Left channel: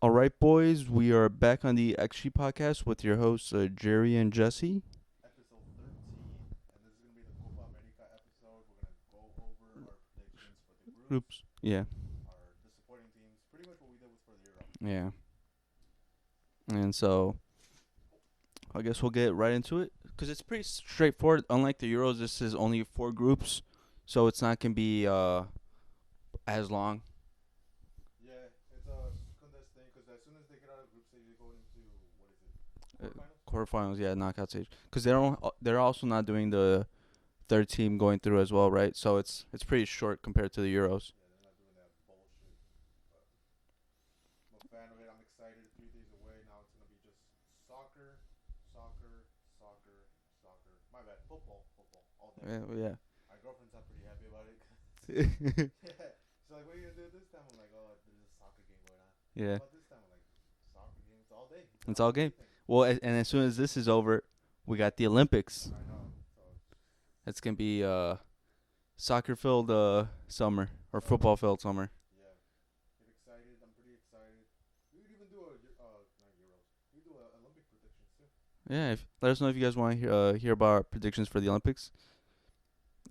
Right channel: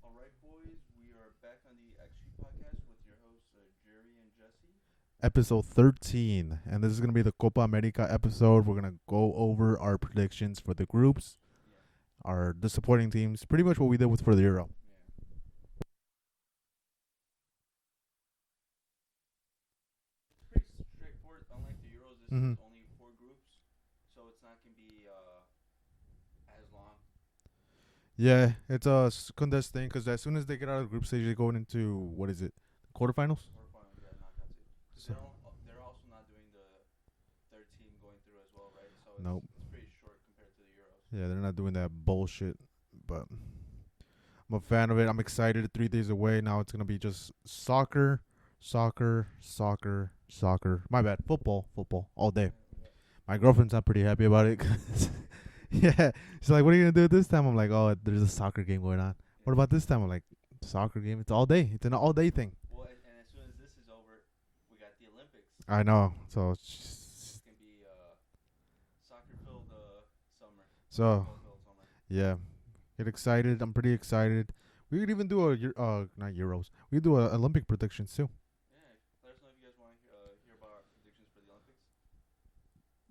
All right, boys, we are back on the XG podcast with your hosts, Jerry and Jesse. Episode 13. And this is going to be the Copa America episode. We're going to go over our predictions for the groups, Yeah, our disappointing teams, pretty much what we did with for the Euro. yeah. And so, I guess we'll get right into it because it's pretty straightforward. Unlike the Euros, this is only 4 groups, so it's not going to be as long. Yeah, it's a condensed thing because as soon as they get out of the group stage, they're going into, quarterfinals? Quarterfinals, yeah, knockout stage. Because they're also not doing the third team going through as well, right? So Nope. it's pretty short compared to the Euros. Yeah, they're not doing that bullshit. But I'm a fan of it. I'm excited. 3 days away. Now it's going to be just soccer, soccer, soccer, soccer. My bad. Football, football, all day. Yeah. My girlfriend's not pretty happy about it. 'Cause yeah, she's like, "What are you gonna do this time?" I'm like, "Oh, there's a soccer game going on." Yeah. What about this time? I'm like, "Soccer game. It's all day. It's an It's all all day day. thing." Well, and as soon as this is over, we got the Olympics. I know. So It's gonna be soccer-filled summer or So- football-filled summer. yeah, get excited. I'm pretty excited. We could even do not Euros. We could do a Olympic predictions too. Yeah, let us know if you guys want to hear about our predictions for the Olympics.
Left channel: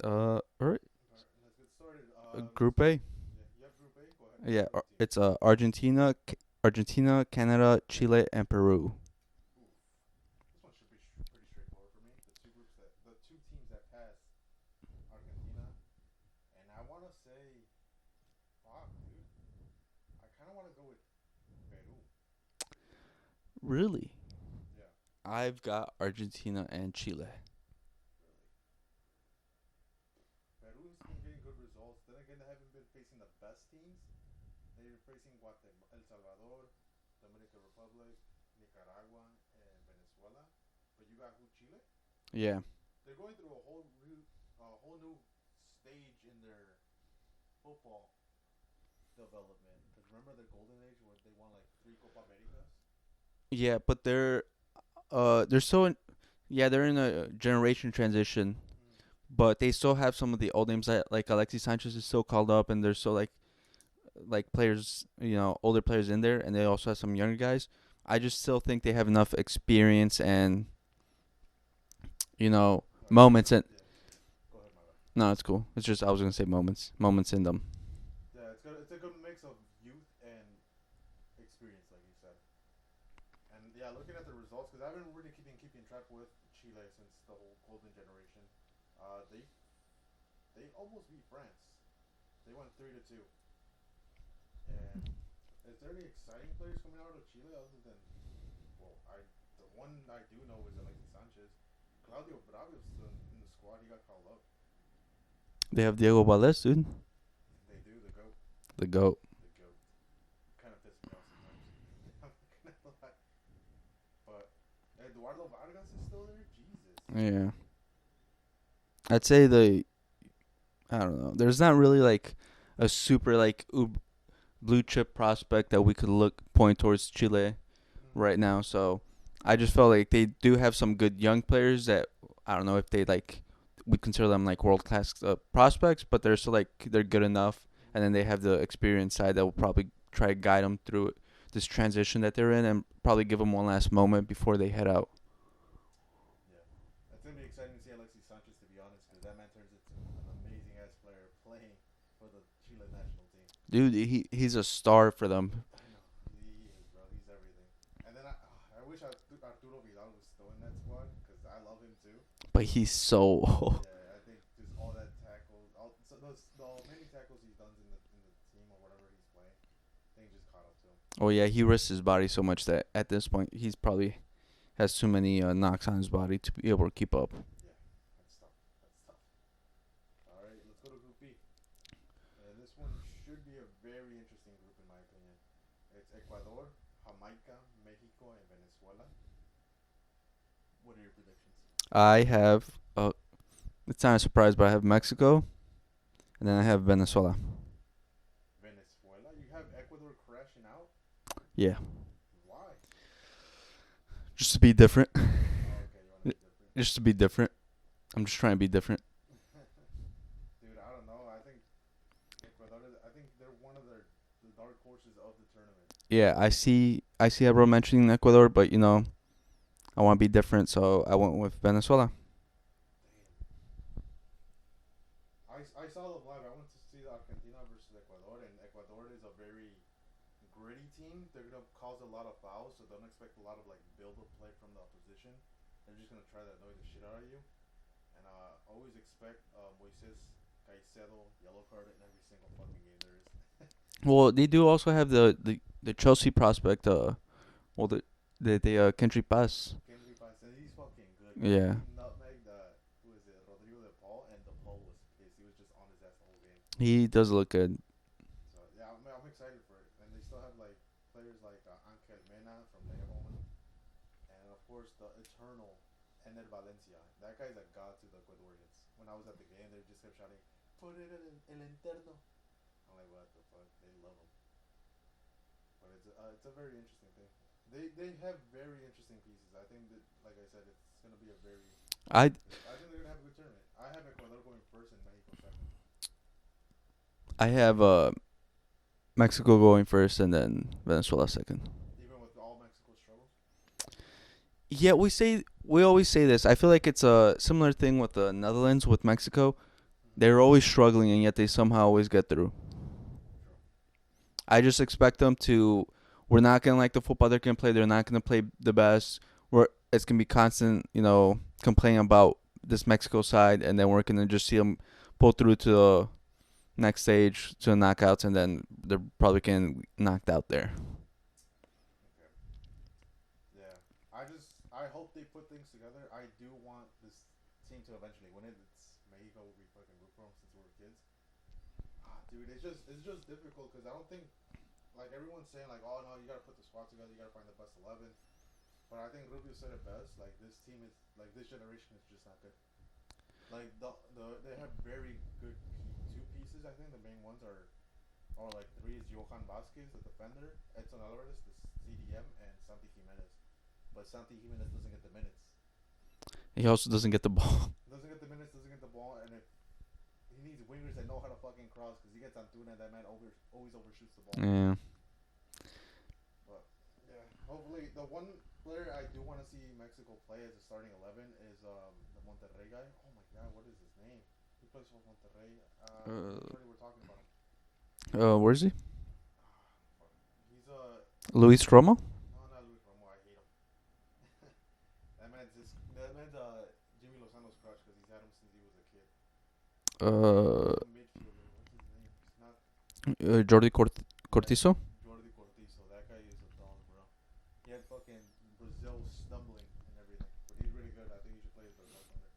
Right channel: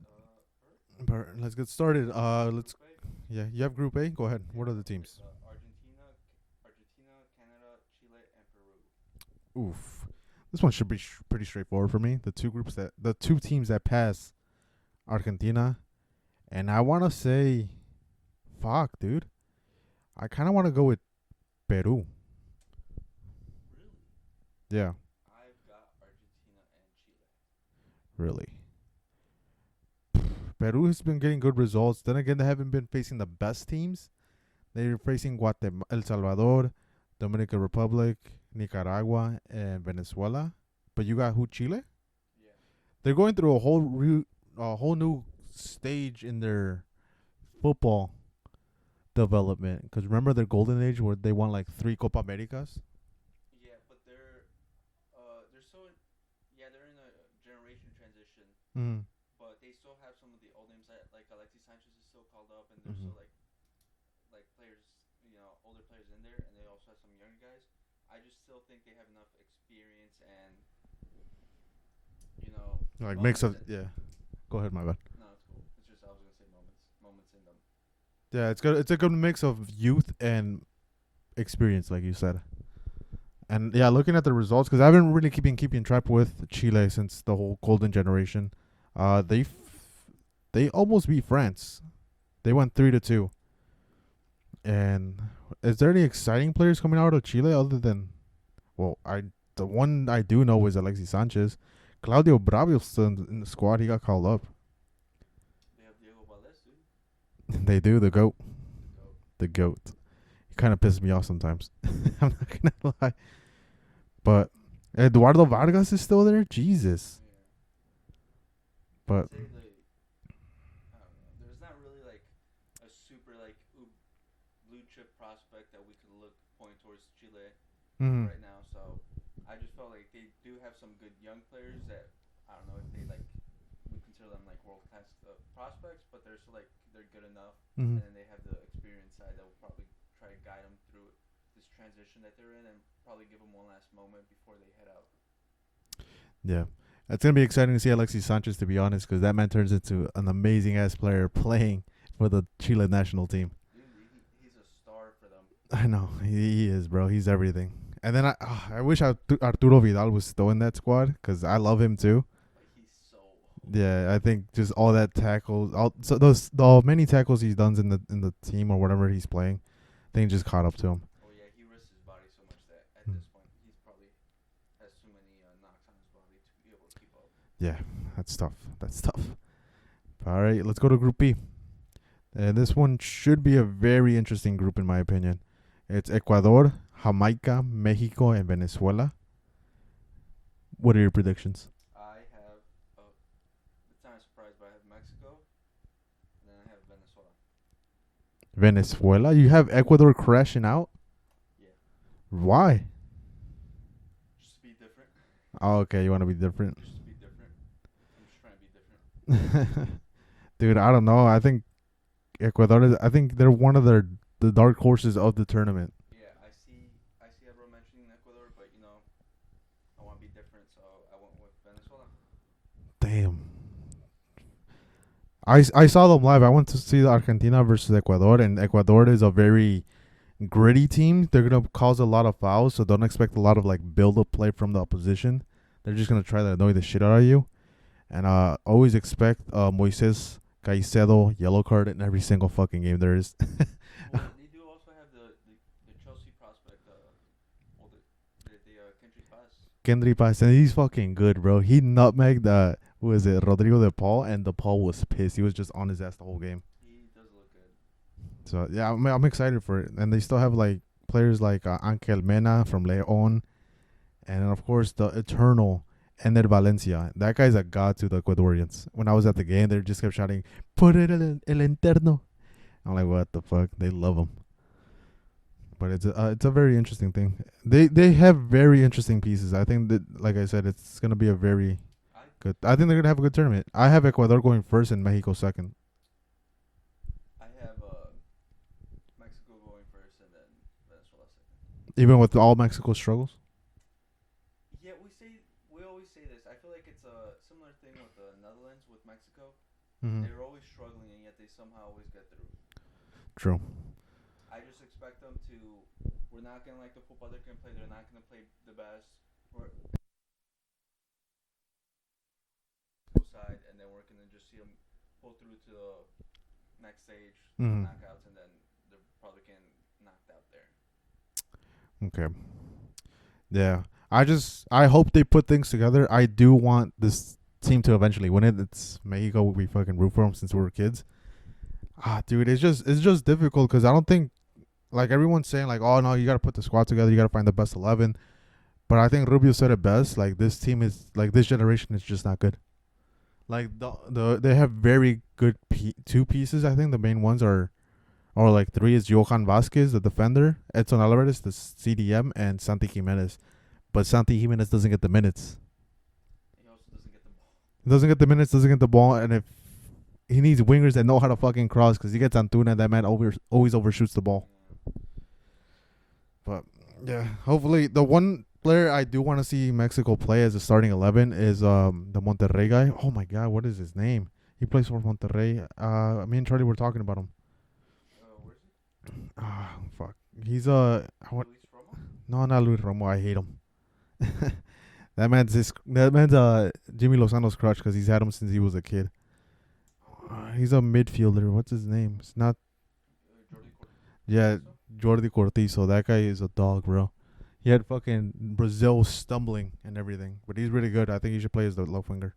All right. But let's get started. Group A. Yeah, you have Group A. Go ahead. Yeah, What are the teams? it's Argentina, Canada, Chile, and Peru. Oof. This one should be pretty straightforward for me. The two teams that pass, Argentina, and I want to say, fuck, dude. I kind of want to go with Peru. Really? Yeah, I've got Argentina and Chile. really. Peru has been getting good results. Then again, they haven't been facing the best teams. They're facing Guatemala, El Salvador, Dominican Republic, Nicaragua, and Venezuela. But you got who? Chile? Yeah. They're going through a whole new stage in their football development. Because remember their golden age where they won like 3 Copa Americas? Yeah, but they're they're in a generation transition. Mm. But they still have some of the old names that like Alexis Sanchez is still called up, and there's still like players, older players in there, and they also have some younger guys. I just still think they have enough experience and Like moments in. yeah. Go ahead, my bad. No, it's cool. It's just I was gonna say moments in them. Yeah, it's good. It's a good mix of youth and experience, like you said. And yeah, looking at the results, because I haven't really been keeping track with Chile since the whole golden generation. They almost beat France. They went 3-2. And is there any exciting players coming out of Chile other than, the one I do know is Alexis Sanchez. Claudio Bravio's still in the squad. He got called up. They have Diego Valdez, dude. They do, the GOAT. The GOAT. The GOAT. He kind of pisses me off sometimes. I'm not going to lie. But Eduardo Vargas is still there? Jesus. Yeah. But I'd say I don't know. There's not really like a super blue chip prospect that we could point towards Chile right now. So I just felt like they do have some good young players that I don't know if they we consider them like world class prospects, but they're still they're good enough. Mhm. And then they have the experience side that will probably try to guide them through this transition that they're in, and probably give them one last moment before they head out. Yeah. It's going to be exciting to see Alexis Sanchez, to be honest, because that man turns into an amazing-ass player playing for the Chile national team. Dude, he's a star for them. I know. He is, bro. He's everything. And then I wish Arturo Vidal was still in that squad because I love him too. But he's so old. Yeah, I think just all that tackles, the many tackles he's done in the team or whatever he's playing, I think just caught up to him. Oh, yeah, he risks his body so much that at this point he's probably has too many knocks on his body to be able to keep up. Yeah, that's tough. All right, let's go to Group B. This one should be a very interesting group in my opinion. It's Ecuador, Jamaica, Mexico, and Venezuela. What are your predictions? I have, it's not a surprise, but I have Mexico, and then I have Venezuela. Venezuela? You have Ecuador crashing out? Yeah. Why? Just to be different. Oh, okay, you want to be different. Just to be different. I'm just trying to be different. Dude, I don't know. I think Ecuador I think they're one of their the dark horses of the tournament. Yeah, I see everyone mentioning Ecuador, but I want to be different, so I went with Venezuela. Damn. I saw them live. I went to see the Argentina versus Ecuador, and Ecuador is a very gritty team. They're gonna cause a lot of fouls, so don't expect a lot of like build up play from the opposition. They're just gonna try to annoy the shit out of you, and always expect Moises Caicedo yellow card in every single fucking game there is. Well, they do also have the Chelsea prospect. Kendry Pass. Kendry Pass, and he's fucking good, bro. Yeah. He nutmegged who is it, Rodrigo de Paul, and de Paul was pissed. He was just on his ass the whole game. He does look good. So yeah, I'm excited for it, and they still have like players like Ángel Mena from León, and then of course the eternal Ender Valencia. That guy's a god to the Ecuadorians. When I was at the game, they just kept shouting, "Por el interno." I'm like, what the fuck? They love him. But it's a very interesting thing. They have very interesting pieces. I think that, like I said, it's gonna be a very good. I think they're gonna have a good tournament. I have Ecuador going first and Mexico second. I have Mexico going first and then Venezuela second. Even with all Mexico's struggles. Yeah, we always say this. I feel like it's a similar thing with the Netherlands with Mexico. Mm-hmm. They're always struggling, and yet they somehow always get through. True. I just expect them to. We're not gonna like the football they're gonna play. They're not gonna play the best. It's gonna be constant, complaining about this Mexico side, and then we're gonna just see them pull through to the next stage to knockouts, and then they're probably getting knocked out there. Okay. Yeah. I hope they put things together. I do want this team to eventually win it. It's Mexico. We fucking root for them since we were kids. Dude, it's just difficult because I don't think, like everyone's saying, like, oh no, you gotta put the squad together. You gotta find the best 11. But I think Rubio said it best. Like this team is like this generation is just not good. Like they have very good two pieces. I think the main ones are, or like three is Johan Vasquez, the defender, Edson Alvarez, the CDM, and Santi Jimenez. But Santi Jimenez doesn't get the minutes. He also doesn't get the ball. Doesn't get the minutes, doesn't get the ball, and if he needs wingers that know how to fucking cross, because he gets Antuna, that man always overshoots the ball. Yeah. But yeah, hopefully the one player I do want to see Mexico play as a starting 11 is the Monterrey guy. Oh my god, what is his name? He plays for Monterrey. Me and Charlie were talking about him. Where is he? Fuck. He's Luis Romo? No, not Luis Romo. I hate him. That man's Jimmy Lozano's crutch because he's had him since he was a kid. He's a midfielder. What's his name? It's not Jordi Cortizo? Jordi Cortizo. That guy is a dog, bro. He had fucking Brazil stumbling and everything, but he's really good. I think he should play as the left winger.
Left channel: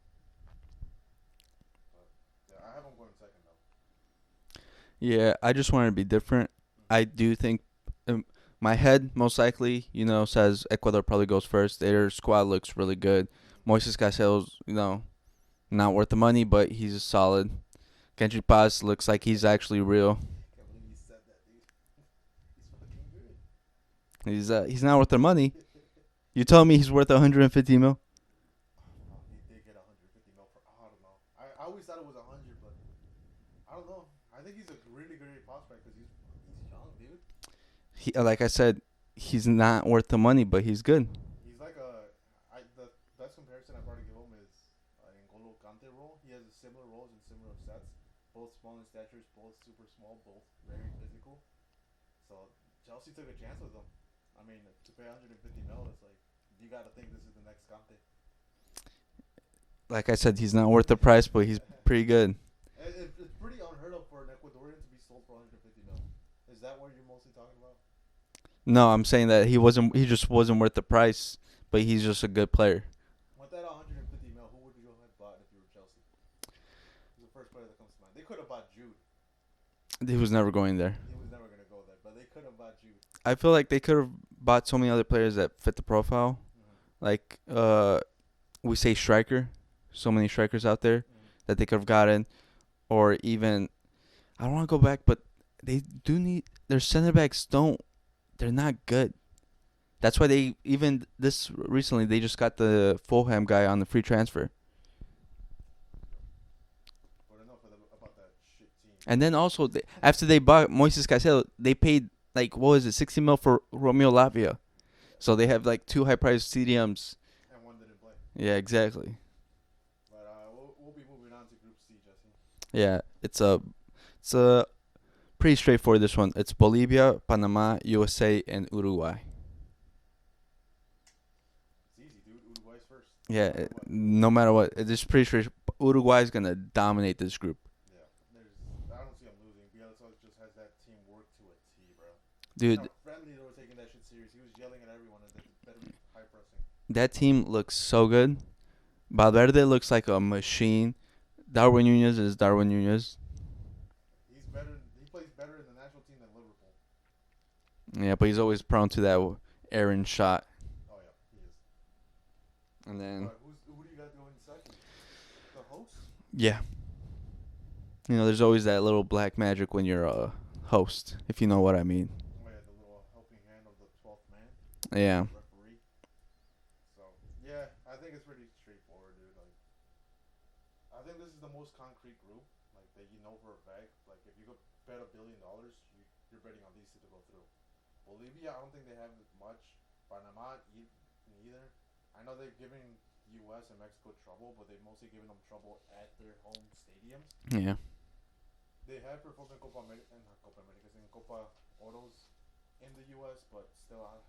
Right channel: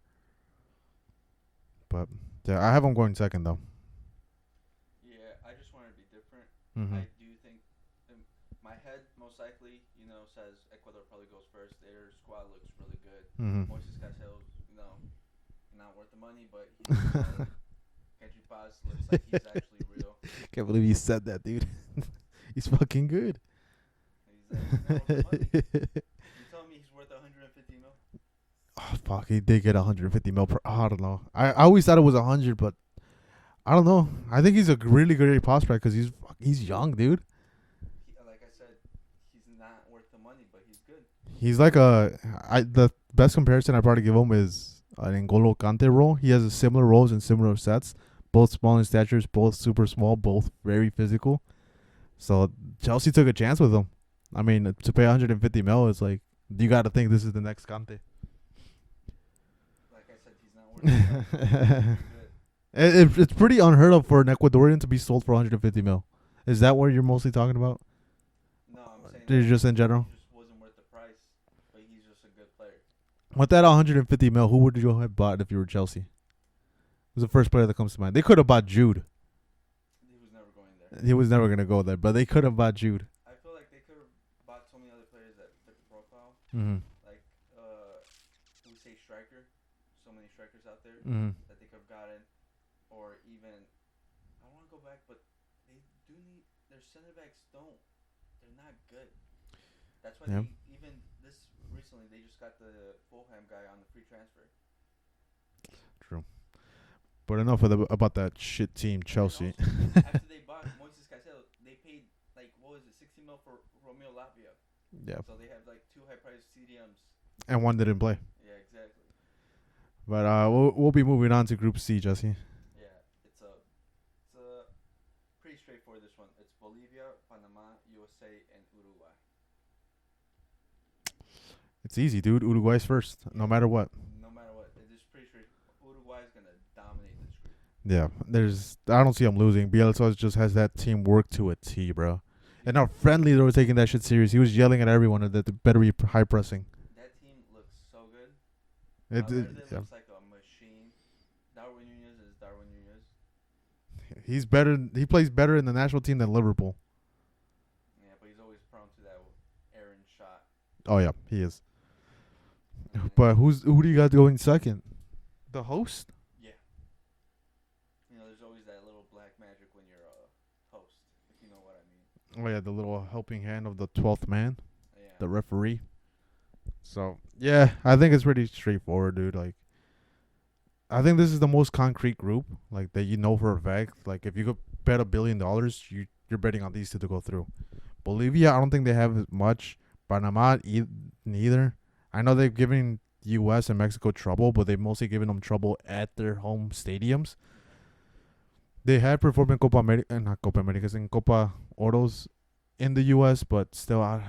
But yeah, I have him going second though. Yeah, I just wanted to be different. Mm-hmm. I do think my head most likely, says Ecuador probably goes first. Their squad looks really good. Mm-hmm. Moises Caicedo's, not worth the money, but he's solid. Kendry Pass looks like he's actually real. Can't believe you said that, dude. He's fucking good. He's not worth the money. You telling me he's worth 150 mil? Oh fuck, he did get 150 mil per. I don't know. I always thought it was 100, but I don't know. I think he's a really good prospect because he's young, dude. He, like I said, he's not worth the money, but he's good. He's like the best comparison I probably give him is an N'Golo Kante role. He has a similar roles and similar sets, both small in statures, both super small, both very physical. So Chelsea took a chance with him. I mean, to pay 150 mil, it's like you got to think this is the next Kante. Like I said, he's not worth the price, but he's pretty good. It's pretty unheard of for an Ecuadorian to be sold for 150 mil. Is that what you're mostly talking about? No, I'm saying that he just wasn't worth the price, but he's just a good player. With that 150 mil, who would you have bought if you were Chelsea? Who's the first player that comes to mind? They could have bought Jude. He was never going there. He was never going to go there, but they could have bought Jude. I feel like they could have bought so many other players that fit the profile. Mm-hmm. Like, we say striker. So many strikers out there that they could have gotten. Or even, I don't want to go back, but they do need, their center backs they're not good. That's why they, even this recently, they just got the Fulham guy on the free transfer. True. But enough about that shit team. And then Chelsea. also, after they bought Moises Caicedo, they paid, like, what was it, 60 mil for Romeo Lavia. Yeah. So they have, like, 2 high-priced CDMs. And one didn't play. Yeah, exactly. But we'll be moving on to Group C, Jesse. Yeah, it's a pretty straightforward, this one. It's Bolivia, Panama, USA, and Uruguay. It's easy, dude. Uruguay's first. Yeah, no matter what. No matter what. It's pretty straight. Uruguay's going to dominate this group. Yeah. I don't see them losing. Bielsa just has that team work to a T, bro. Dude, and how friendly they were taking that shit serious. He was yelling at everyone that they better be high pressing. That team looks so good. Valverde looks like a machine. Darwin Nunez is Darwin Nunez. He's better. He plays better in the national team than Liverpool. Yeah, but he's always prone to that errant shot. Oh yeah, he is. But who do you got going second? The host? Yeah. You know, there's always that little black magic when you're a host, if you know what I mean. Oh yeah, the little helping hand of the 12th man. Yeah. The referee. So yeah, I think it's pretty straightforward, dude. Like, I think this is the most concrete group, like, that you know for a fact. Like, if you could bet $1 billion, you're betting on these two to go through. Bolivia, I don't think they have as much. Panama, neither. I know they've given U.S. and Mexico trouble, but they've mostly given them trouble at their home stadiums. Yeah. They had performed in Copa America, not Copa Americas, in Copa Oros in the U.S., but still, I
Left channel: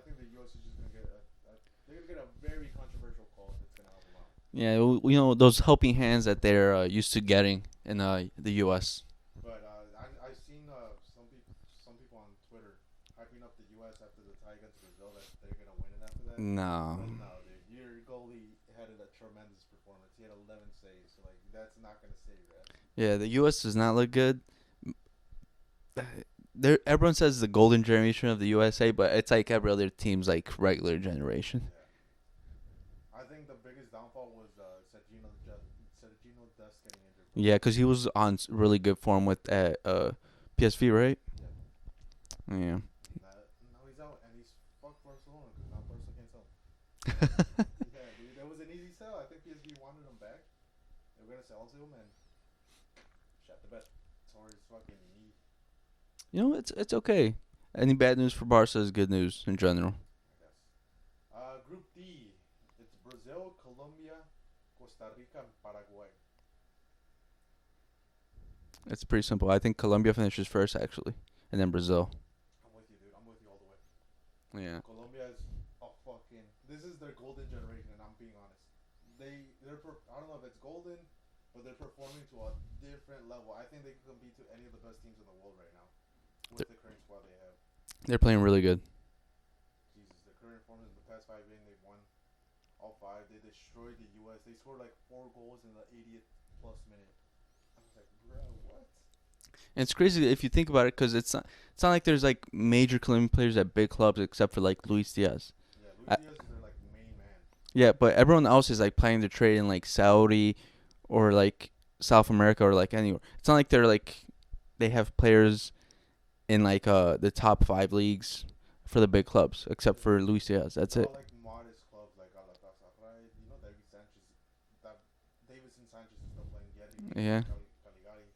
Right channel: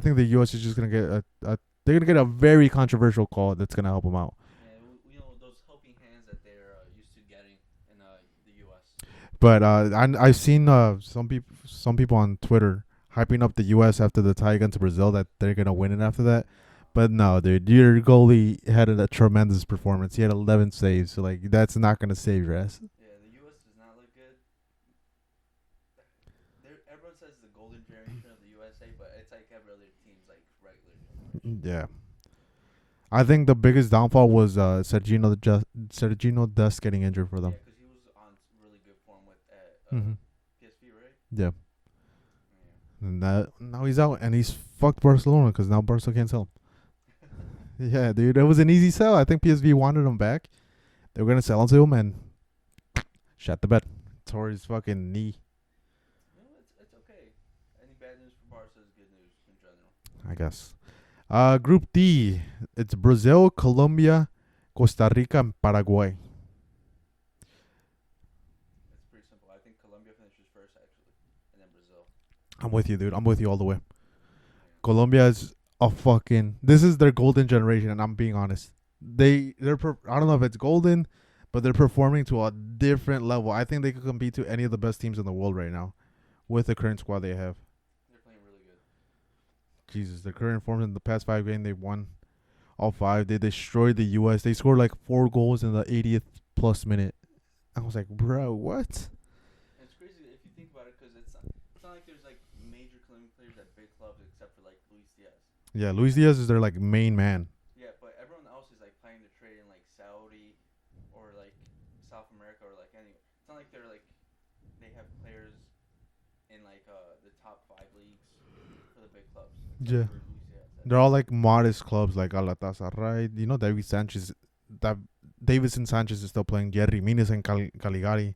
think the U.S. is just gonna get they're gonna get a very controversial call that's gonna help them out. Yeah, you know, those helping hands that they're used to getting in the U.S. But I've seen some people on Twitter hyping up the U.S. after the tie against Brazil that they're gonna win it after that. No. But no, dude, your goalie had a tremendous performance. He had 11 saves, so like that's not gonna save your ass. Yeah, the U.S. does not look good. Everyone says the golden generation of the USA, but it's like every other team's like regular generation. Yeah. I think the biggest downfall was Sergino Dest getting injured for them. Yeah, because he was on really good form with PSV, right? Yeah. Yeah. And now he's out, and he's fucked Barcelona because now Barca can't sell him. Yeah, dude, it was an easy sell. I think PSV wanted him back. They were gonna sell him to him, and shot the bet. Tore his fucking knee. You know, it's okay. Any bad news for Barca is good news in general. I guess. Group D, it's Brazil, Colombia, Costa Rica, and Paraguay. It's pretty simple. I think Colombia finishes first, actually, and then Brazil. I'm with you, dude. I'm with you all the way. Yeah. Colombia is this is their golden generation, and I'm being honest. I don't know if it's golden, but they're performing to a different level. I think they could compete to any of the best teams in the world right now with the current squad they have. They're playing really good. Jesus, the current form in the past 5 games, they've won all 5. They destroyed the U.S. They scored like 4 goals in the 80th plus minute. I was like, bro, what? And it's crazy if you think about it, because it's not like there's like major Colombian players at big clubs except for like Luis Diaz. Yeah, Luis Diaz is their like main man. Yeah, but everyone else is like playing their trade in like Saudi or like South America or like anywhere. It's not like they have players in like the top 5 leagues for the big clubs except for Luis Diaz. They're all like modest clubs like Galatasaray. You know, Davidson Sanchez is still playing. Jerry Mina in Caligari.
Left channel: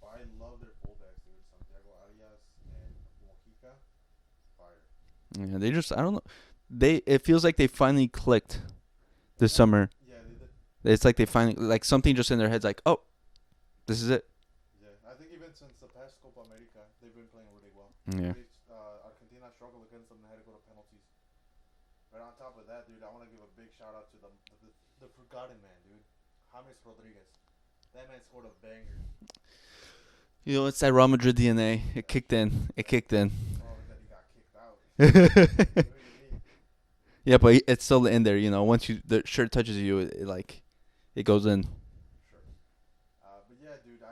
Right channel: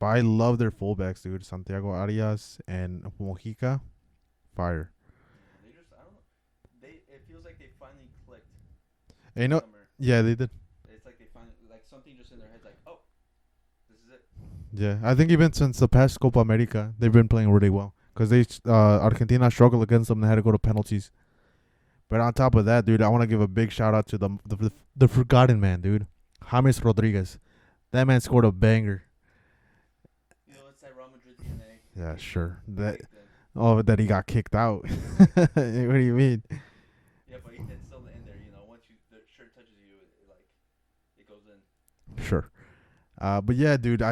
But I love their fullbacks, dude. Santiago Arias and Mojica. Fire. Yeah, they just, I don't know. It feels like they finally clicked this summer. Yeah, they did. It's like they finally, like something just in their heads like, oh, this is it. Yeah, I think even since the past Copa America, they've been playing really well. Because Argentina struggled against them. They had to go to penalties. But on top of that, dude, I want to give a big shout out to the forgotten man, dude. James Rodriguez. That man scored a banger. You know, it's that Real Madrid DNA. It kicked in. It kicked in. Oh, that he got kicked out. What do you mean? Yeah, but it's still in there. You know, once the shirt touches you, it goes in. Sure. But yeah, dude,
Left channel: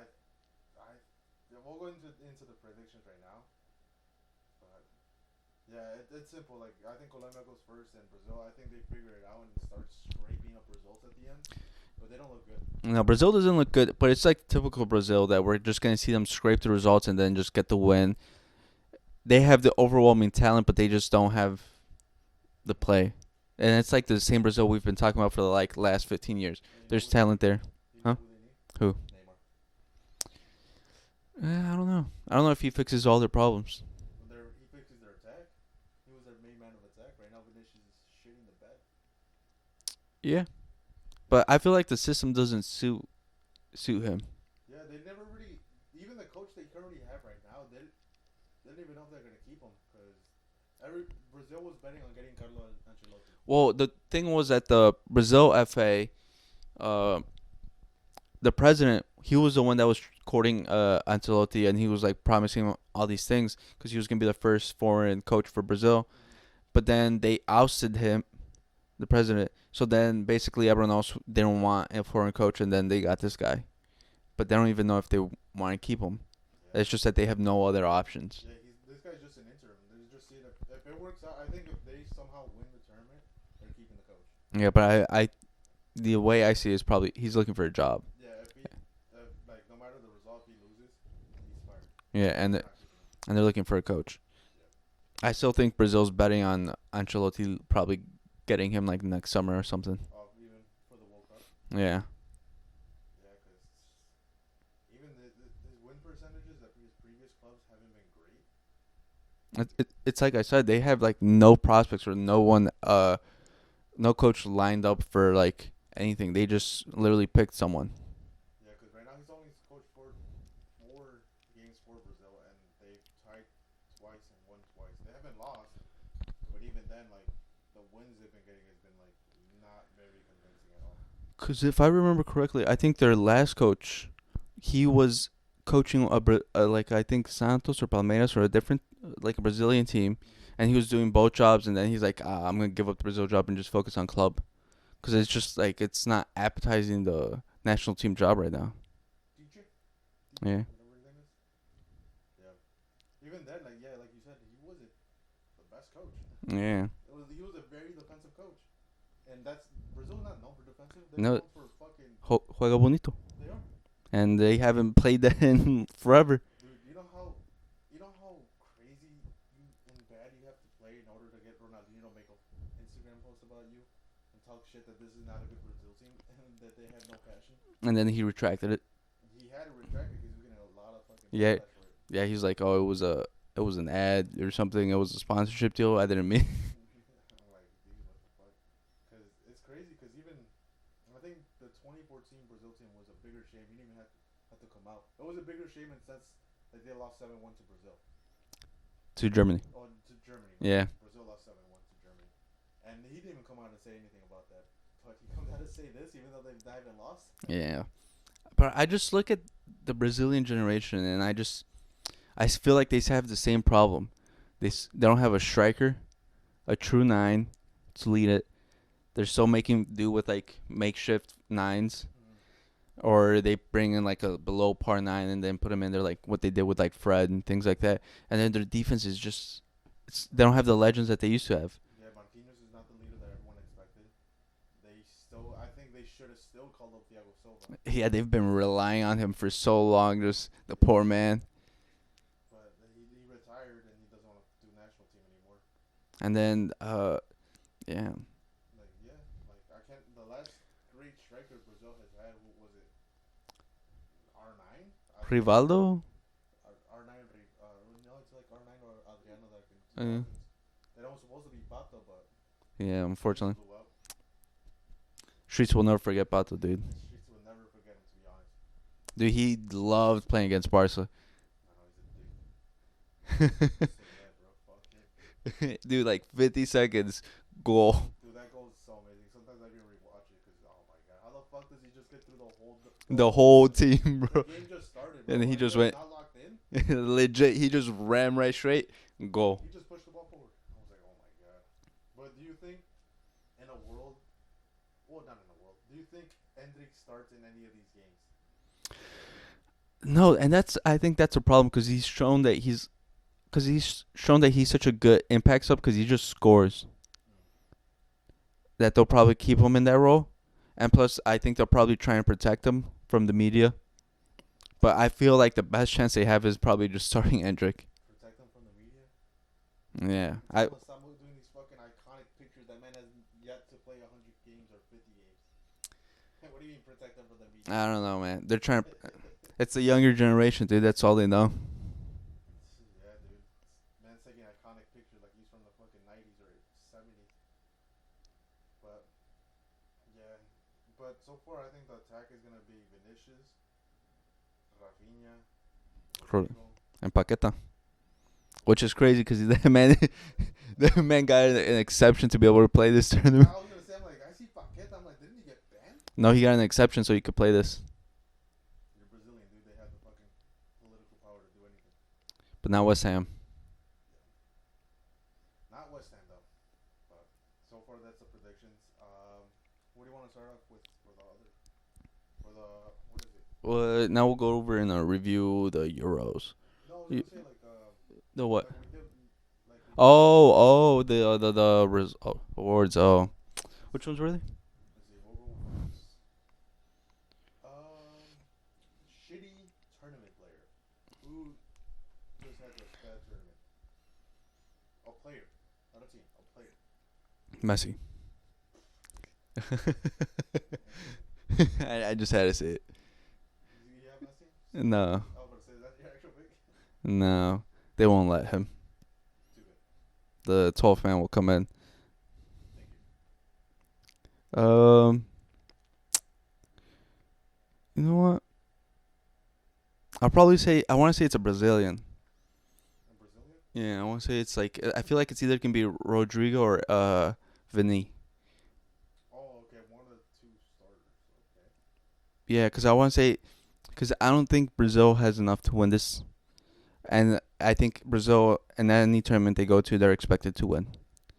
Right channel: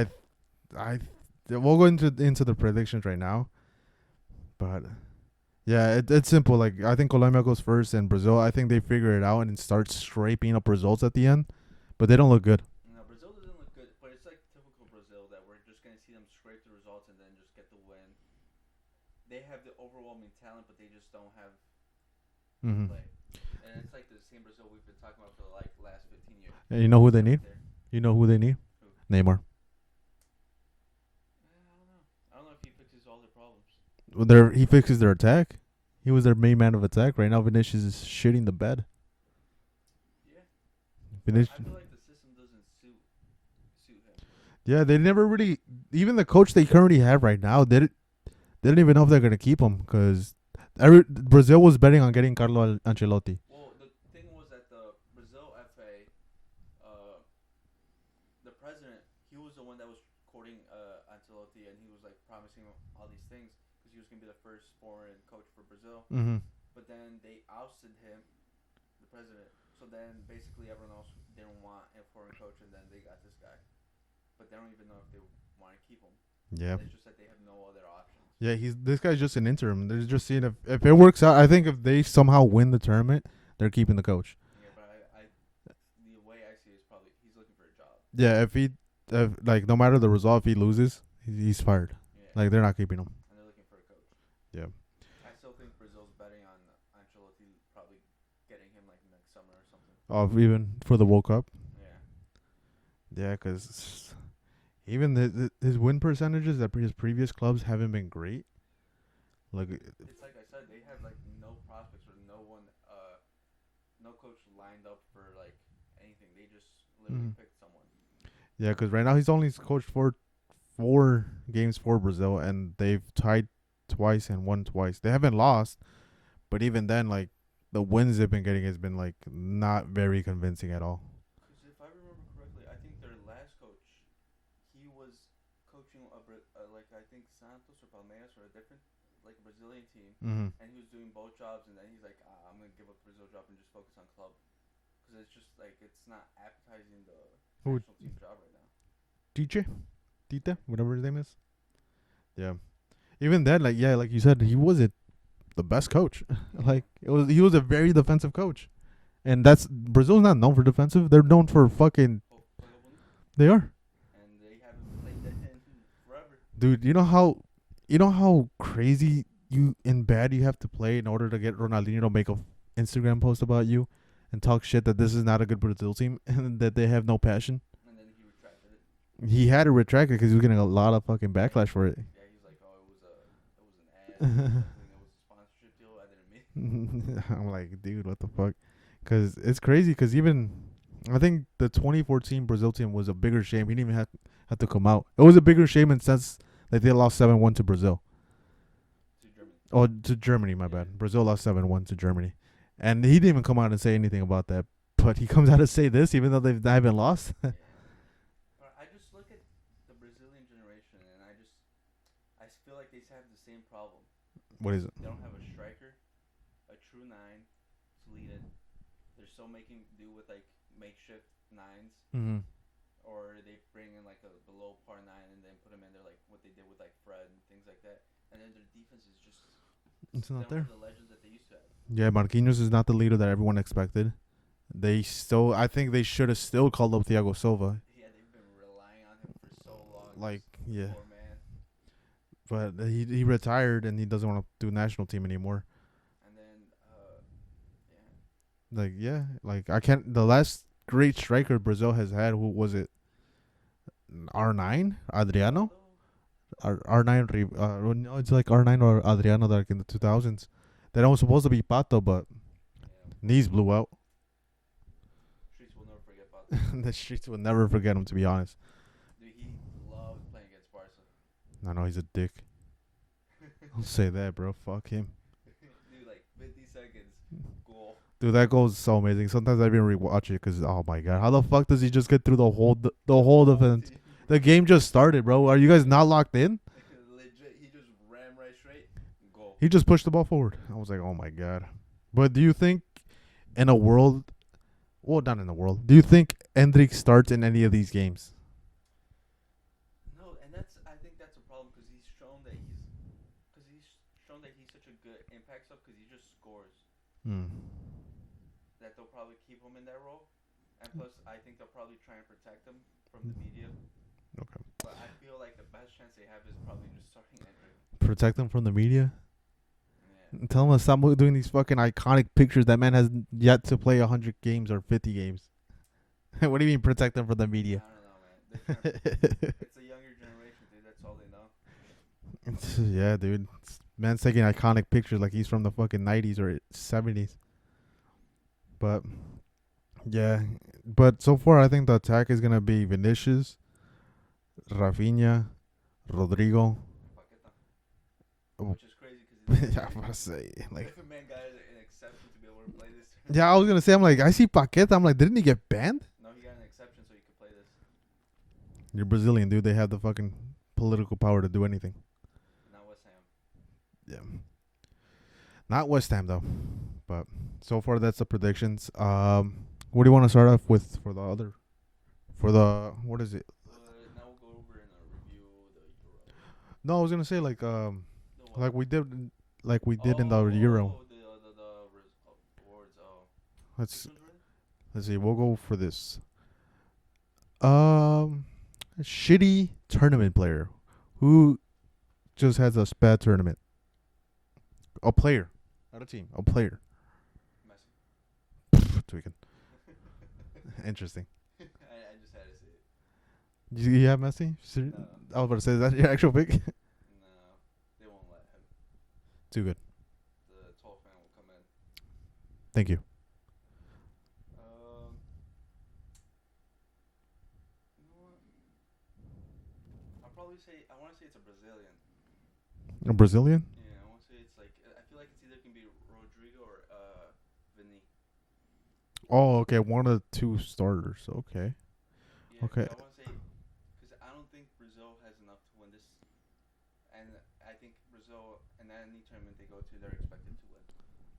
we'll go into the predictions right now. But yeah, it's simple. Like, I think Colombia goes first, and Brazil, I think they figure it out and start scraping up results at the end. But they don't look good. No, Brazil doesn't look good, but it's like typical Brazil that we're just going to see them scrape the results and then just get the win. They have the overwhelming talent, but they just don't have the play. And it's like the same Brazil we've been talking about for the last 15 years. And you know who talent there. You know Huh? who they need? Who? Neymar. I don't know. I don't know if he fixes all their problems. He fixes their attack. He was their main man of attack. Right now, Vinicius is shitting the bed. Yeah, but I feel like the system doesn't suit him. Yeah, they never really. Even the coach they currently have right now, they didn't even know if they're gonna keep him because Brazil was betting on getting Carlo Ancelotti. Well, the thing was that the Brazil FA, the president, he was the one that was courting Ancelotti, and he was like promising him all these things because he was gonna be the first foreign coach for Brazil. Mm-hmm. But then they ousted him, the president. So then basically everyone else didn't want a foreign coach, and then they got this guy. But they don't even know if they want to keep him. Yeah, It's just that they have no other options. yeah. This guy's just an interim. They're just seeing if it works out. I think if they somehow win the tournament, they're keeping the coach. Yeah, but I the way I see it is probably he's looking for a job. Yeah, if like no matter the result, if he loses, he's fired. Yeah, And they're not keeping him. and they're looking for a coach. Yeah. I still think Brazil's betting on Ancelotti probably getting him like next summer or something. Even for the World Cup. Yeah. Yeah, because even his win percentages at his previous clubs haven't been great. It's like I said, they have like no prospects or no one, no coach lined up for like anything. They just literally picked someone. Yeah, because right now he's only coached four games for Brazil, and they've tied twice and won twice. They haven't lost, but even then, like the wins they've been getting has been like not very convincing at all. Because if I remember correctly, I think their last coach, he was coaching like I think Santos or Palmeiras or a different like a Brazilian team, and he was doing both jobs, and then he's like, I'm gonna give up the Brazil job and just focus on club, because it's just like it's not appetizing the national team job right now. DJ, Yeah. whatever his name is. Yeah, even then, like you said, he wasn't the best coach. Yeah. He was a very defensive coach, and that's Brazil's not known for defensive. They're No. known for fucking. Juega bonito. They are. And they haven't played that in forever. Dude, you know how crazy and bad you have to play in order to get Ronaldinho to make a Instagram post about you and talk shit that this is not a good Brazil team and that they have no passion. And then he retracted it. He had to retract it because he was getting a lot of fucking Yeah. backlash for it. Yeah, he's like, oh, it was an ad or something. It was a sponsorship deal. I didn't mean. I'm like, dude, what the fuck? Because it's crazy. Because even I think the 2014 Brazil team was a bigger shame. He didn't even have to come out. It was a bigger shame in the sense that they lost 7-1 to Brazil. To Germany. Oh, to Germany, my Yeah. bad. Brazil lost 7-1 to Germany. And he didn't even come out and say anything about that. But he comes out to say this even though they haven't lost. Yeah. But I just look at the Brazilian generation, and I feel like they have the same problem. They What is it? they don't have a striker, a true nine to lead it. They're still making do with like makeshift nines, Mm-hmm. or they bring in like a below par nine and then put them in there like what they did with like Fred and things like that. And then their defense is just they don't have the legends that they used to have. Yeah, Marquinhos is not the leader that everyone expected. I think they should have still called up Thiago Silva. Yeah, they've been relying on him for so long. Like, The yeah. poor man. But he retired and he doesn't want to do national team anymore. And then, yeah. I can't. The last great striker Brazil has had, who was it? R9? Adriano? Rivaldo? R9. No, it's like R9 or Adriano, like in the 2000s. That was supposed to be Pato, but Yeah, these unfortunately. blew out. Streets will never forget Pato, dude. The streets will never forget him, to be honest. Dude, he loved playing against Barca. I know he's a dick. I'll say that, bro. Fuck him. Dude, like 50 seconds, goal. Dude, that goal is so amazing. Sometimes I even rewatch it because, oh my god, how the fuck does he just get through the whole whole event? team, bro. The game just started, bro. And he Are you just guys went- not locked in? Legit, he just ran right straight, goal. He just pushed the ball forward. I was like, oh my god. But do you think in a world, well, not in a world, do you think Endrick starts in any of these games? No, and I think that's a problem because he's shown that he's such a good impact sub because he just scores. That they'll probably keep him in that role, and plus I think they'll probably try and protect him from the media. Okay. But I feel like the best chance they have is probably just starting Endrick. Protect him from the media? Yeah. Tell him to stop doing these fucking iconic pictures. That man has yet to play 100 games or 50 games. What do you mean protect them from the media? I don't know, man. They're trying. It's the younger generation, dude. That's all they know. Yeah, dude. Man's taking iconic pictures like he's from the fucking 90s or 70s. But, yeah. But so far, I think the attack is going to be Vinicius, Rafinha, Rodrigo. And Paqueta. Which is crazy because the man, the man got an exception to be able to play this tournament. Yeah, I was going to say, I'm like, I see Paqueta. I'm like, didn't he get banned? No, he got an exception so he could play this. You're Brazilian, dude. They have the fucking political power to do anything. But not West Ham. Yeah. Not West Ham, though. But so far, that's the predictions. What do you want to start off with for the other? For the, what is it? Well, now we'll go over and review the Euros. No, I was going to say, like, The what? like we did in the Euro. The awards. Oh, Let's, which ones were they? let's see. We'll go for this. Shitty tournament player who just has a bad tournament. A player, not a team. A player. Messi. Tweaking. Interesting. I just had to say it. You have Messi? No, I was about to say, is that your actual pick? no, they won't let him. Too good. The 12th man will come in. Thank you. You know what? I'll probably say I want to say it's a Brazilian. A Brazilian? Yeah, I want to say it's like I feel like it's either can be Rodrigo or Vini. Oh, okay. One of the two starters. Okay. Yeah, because Okay. I want to say because I don't think Brazil has enough to win this, and I think Brazil in any tournament they go to they're expected to win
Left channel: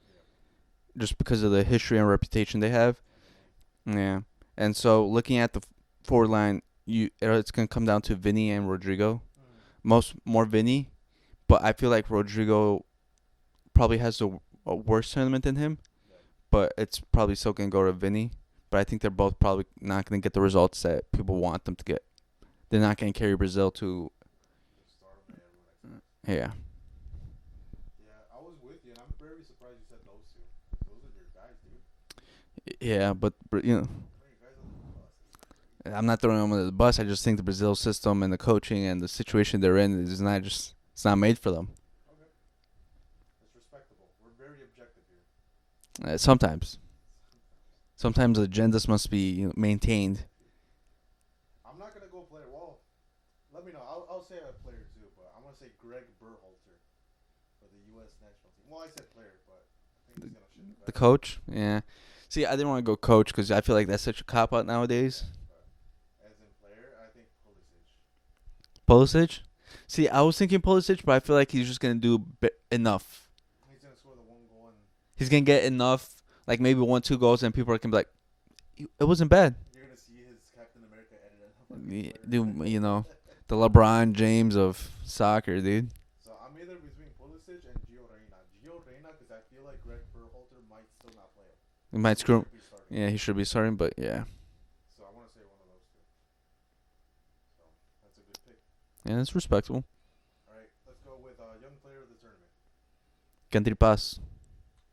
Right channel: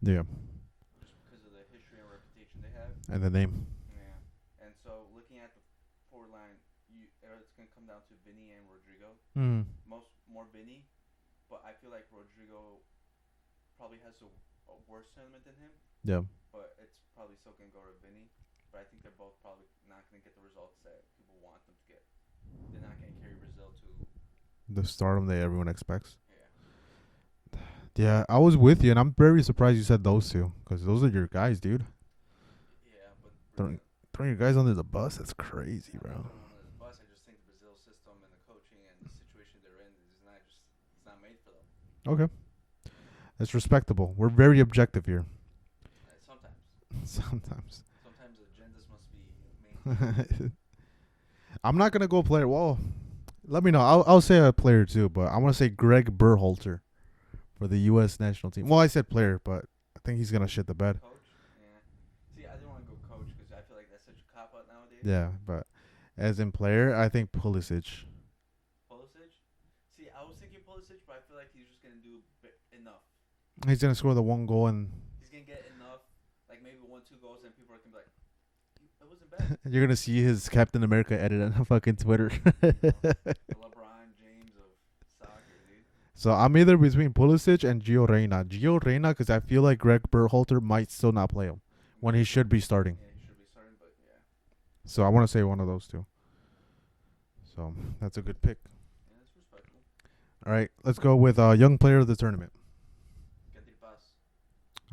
Yeah. just because of the history and reputation they have. And the name. Yeah, and so looking at the forward line, it's gonna come down to Vini and Rodrigo. More Vini, but I feel like Rodrigo probably has a worse tournament than him. Yeah. But it's probably still gonna go to Vini. But I think they're both probably not gonna get the results that people want them to get. They're not gonna carry Brazil to. The stardom that everyone expects. Yeah. Yeah, I was with you, and I'm very surprised you said those two, because those are your guys, dude. Yeah, but Throwing your guys under the bus, that's crazy. I'm not throwing them under the bus. I just think the Brazil system and the coaching and the situation they're in is not just. It's not made for them. Okay. That's respectable. We're very objective here. Sometimes. Sometimes. Sometimes agendas must be maintained. I'm not gonna go player. Well, let me know. I'll say a player too, but I want to say Greg Berhalter for the U.S. national team. Well, I said player, but I think he's gonna shit the The bed. coach? Yeah. See, I didn't want to go coach because I feel like that's such a cop out nowadays. Yeah, but as in player, I think Pulisic. Pulisic? See, I was thinking Pulisic, but I feel like he's just gonna do enough. He's gonna score the one goal, and He's gonna get enough, like maybe 1-2 goals, and people are gonna be like, "It wasn't bad." you're gonna see his Captain America edit on fucking Twitter. You know, the LeBron James of soccer, dude. So I'm either between Pulisic and Gio Reyna. Gio Reyna, because I feel like Greg Berhalter might still not play him. He He should be starting. Yeah, he should be starting, but yeah, So I want to say one of those two. So that's a good pick. yeah, it's respectable. All right, let's go with young player of the tournament. Kendry Paz.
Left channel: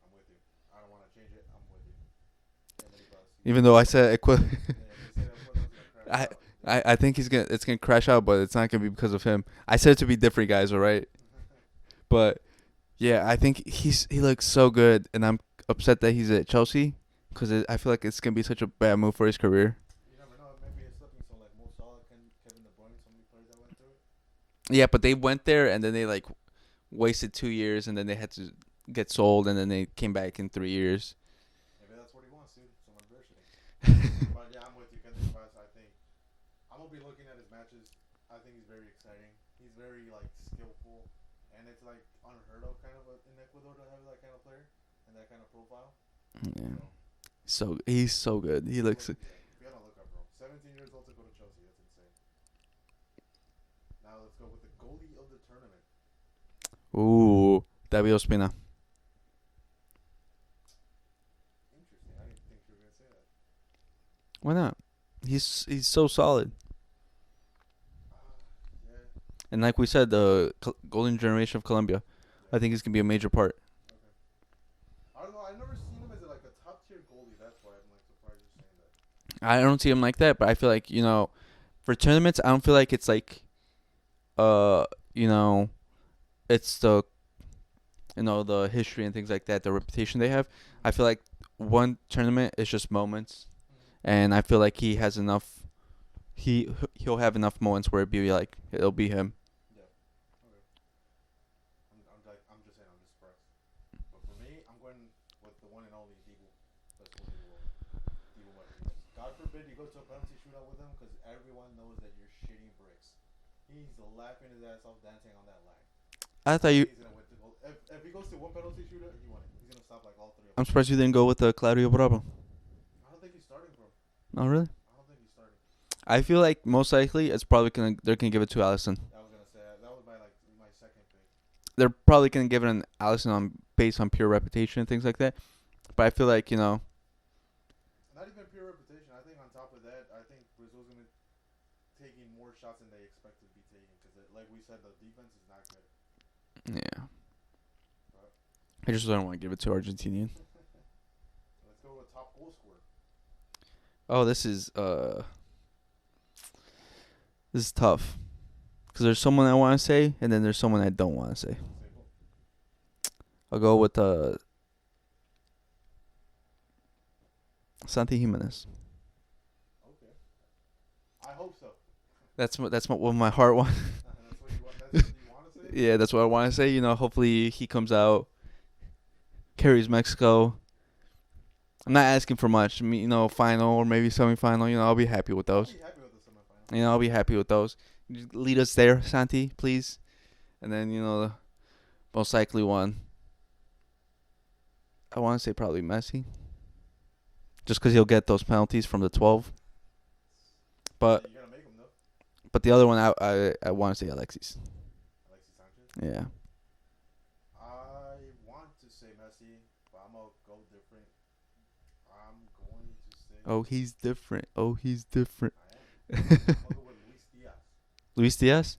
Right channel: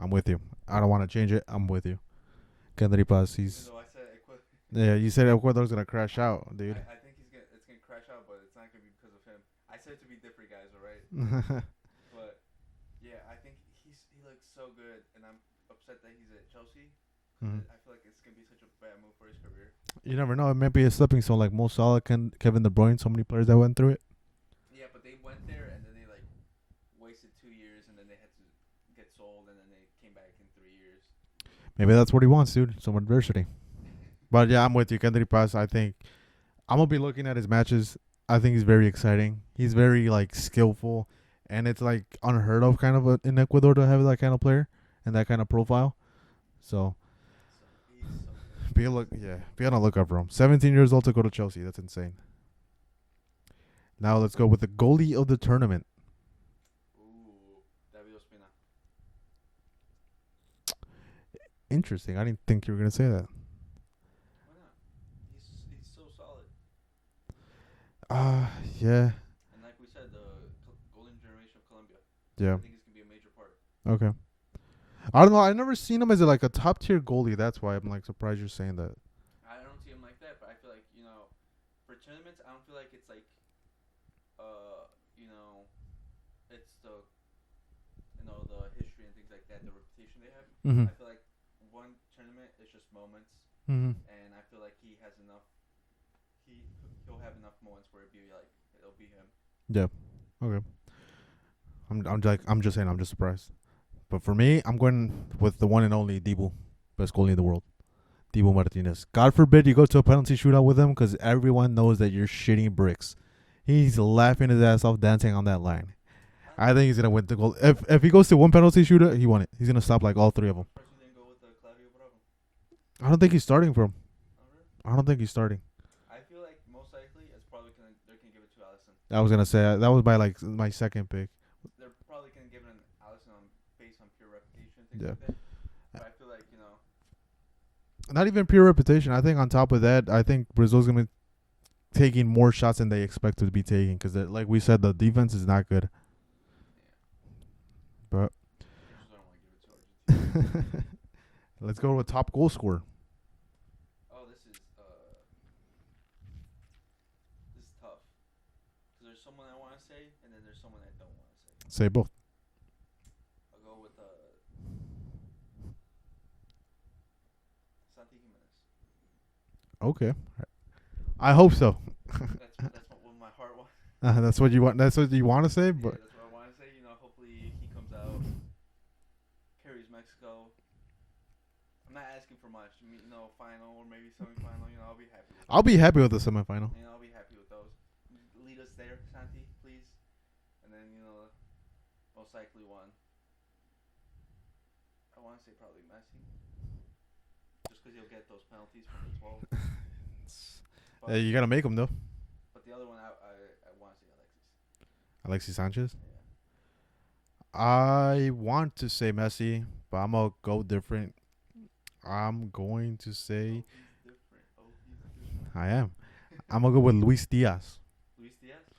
I'm with you. I don't want to change it. I'm with you. Kendry Paz. Even though I said yeah, you said Ecuador's gonna crash out. Dude. I think it's gonna crash out, but it's not gonna be because of him. I said it to be different guys, all right? But yeah, I think he looks so good, and I'm upset that he's at Chelsea because I feel like it's gonna be such a bad move for his career. You never know. It might be a slipping stone like Mo Salah, Kevin De Bruyne. So many players that went through it. Yeah, but they went there and then they like wasted 2 years, and then they had to get sold, and then they came back in 3 years. Maybe that's what he wants, dude. Some adversity. But yeah, I'm with you. Kendry Paz, I think I'm going to be looking at his matches. I think he's very exciting. He's very, like, skillful. And it's, like, unheard of kind of in Ecuador to have that kind of player and that kind of profile. Yeah. So he's so good. Be on a lookout for him. 17 years old to go to Chelsea. That's insane. Now let's go with the goalie of the tournament. Ooh, David Ospina. Interesting. I didn't think you were going to say that. Why not? He's so solid. Yeah. And like we said, the golden generation of Colombia. Yeah. I think he's going to be a major part. Okay. I don't know. I've never seen him as like a top tier goalie. That's why I'm like surprised you're saying that. I don't see him like that, but I feel like, for tournaments, I don't feel like it's like, uh, you know, it's the history and things like that, the reputation they have. Mm-hmm. I feel like one tournament is just moments, Mm-hmm. and I feel like he has enough. He'll have enough moments where it'll be him. Yeah. Okay. I'm just saying I'm just surprised. But for me, I'm going with the one and only Dibu, best goalie in the world, Dibu Martinez. God forbid you go to a penalty shootout with him, because everyone knows that you're shitting bricks. He's laughing his ass off dancing on that line. I think he's gonna win the goal. If he goes to one penalty shootout, he won it. He's gonna stop like all three of them. I'm surprised you didn't go with Claudio Bravo. I don't think he's starting for him. Oh, really? I don't think he's starting. I feel like most likely they're gonna give it to Allison. I was gonna say that was my second pick. They're probably gonna give it an Allison based on pure reputation and things like that. But I feel like not even pure reputation. I think on top of that, I think Brazil's gonna be taking more shots than they expect to be taking, because like we said, the defense is not good. Yeah. But I just don't want to give it to Argentina. Let's go with top goal scorer. Oh, this is tough, because there's someone I want to say, and then there's someone I don't want to say. Say both. I'll go with Santi Jimenez. Okay. I hope so. That's what my heart wants. That's what you want. That's what you want to say. Yeah, that's what I want to say. Hopefully he comes out, carries Mexico. I'm not asking for much. Final or maybe semifinal. I'll be happy with those. I'll be happy with the semifinal. I'll be happy with those. Just lead us there, Santi, please. And then the most likely one, I want to say probably Messi. Just because he'll get those penalties from the 12. But yeah, you gotta make them though. But the other one, I want to say Alexis Sanchez. Yeah. I want to say Messi, but I'm gonna go different. I'm going to say. Oh, he's different. I am. I'm gonna go with Luis Diaz. Luis Diaz.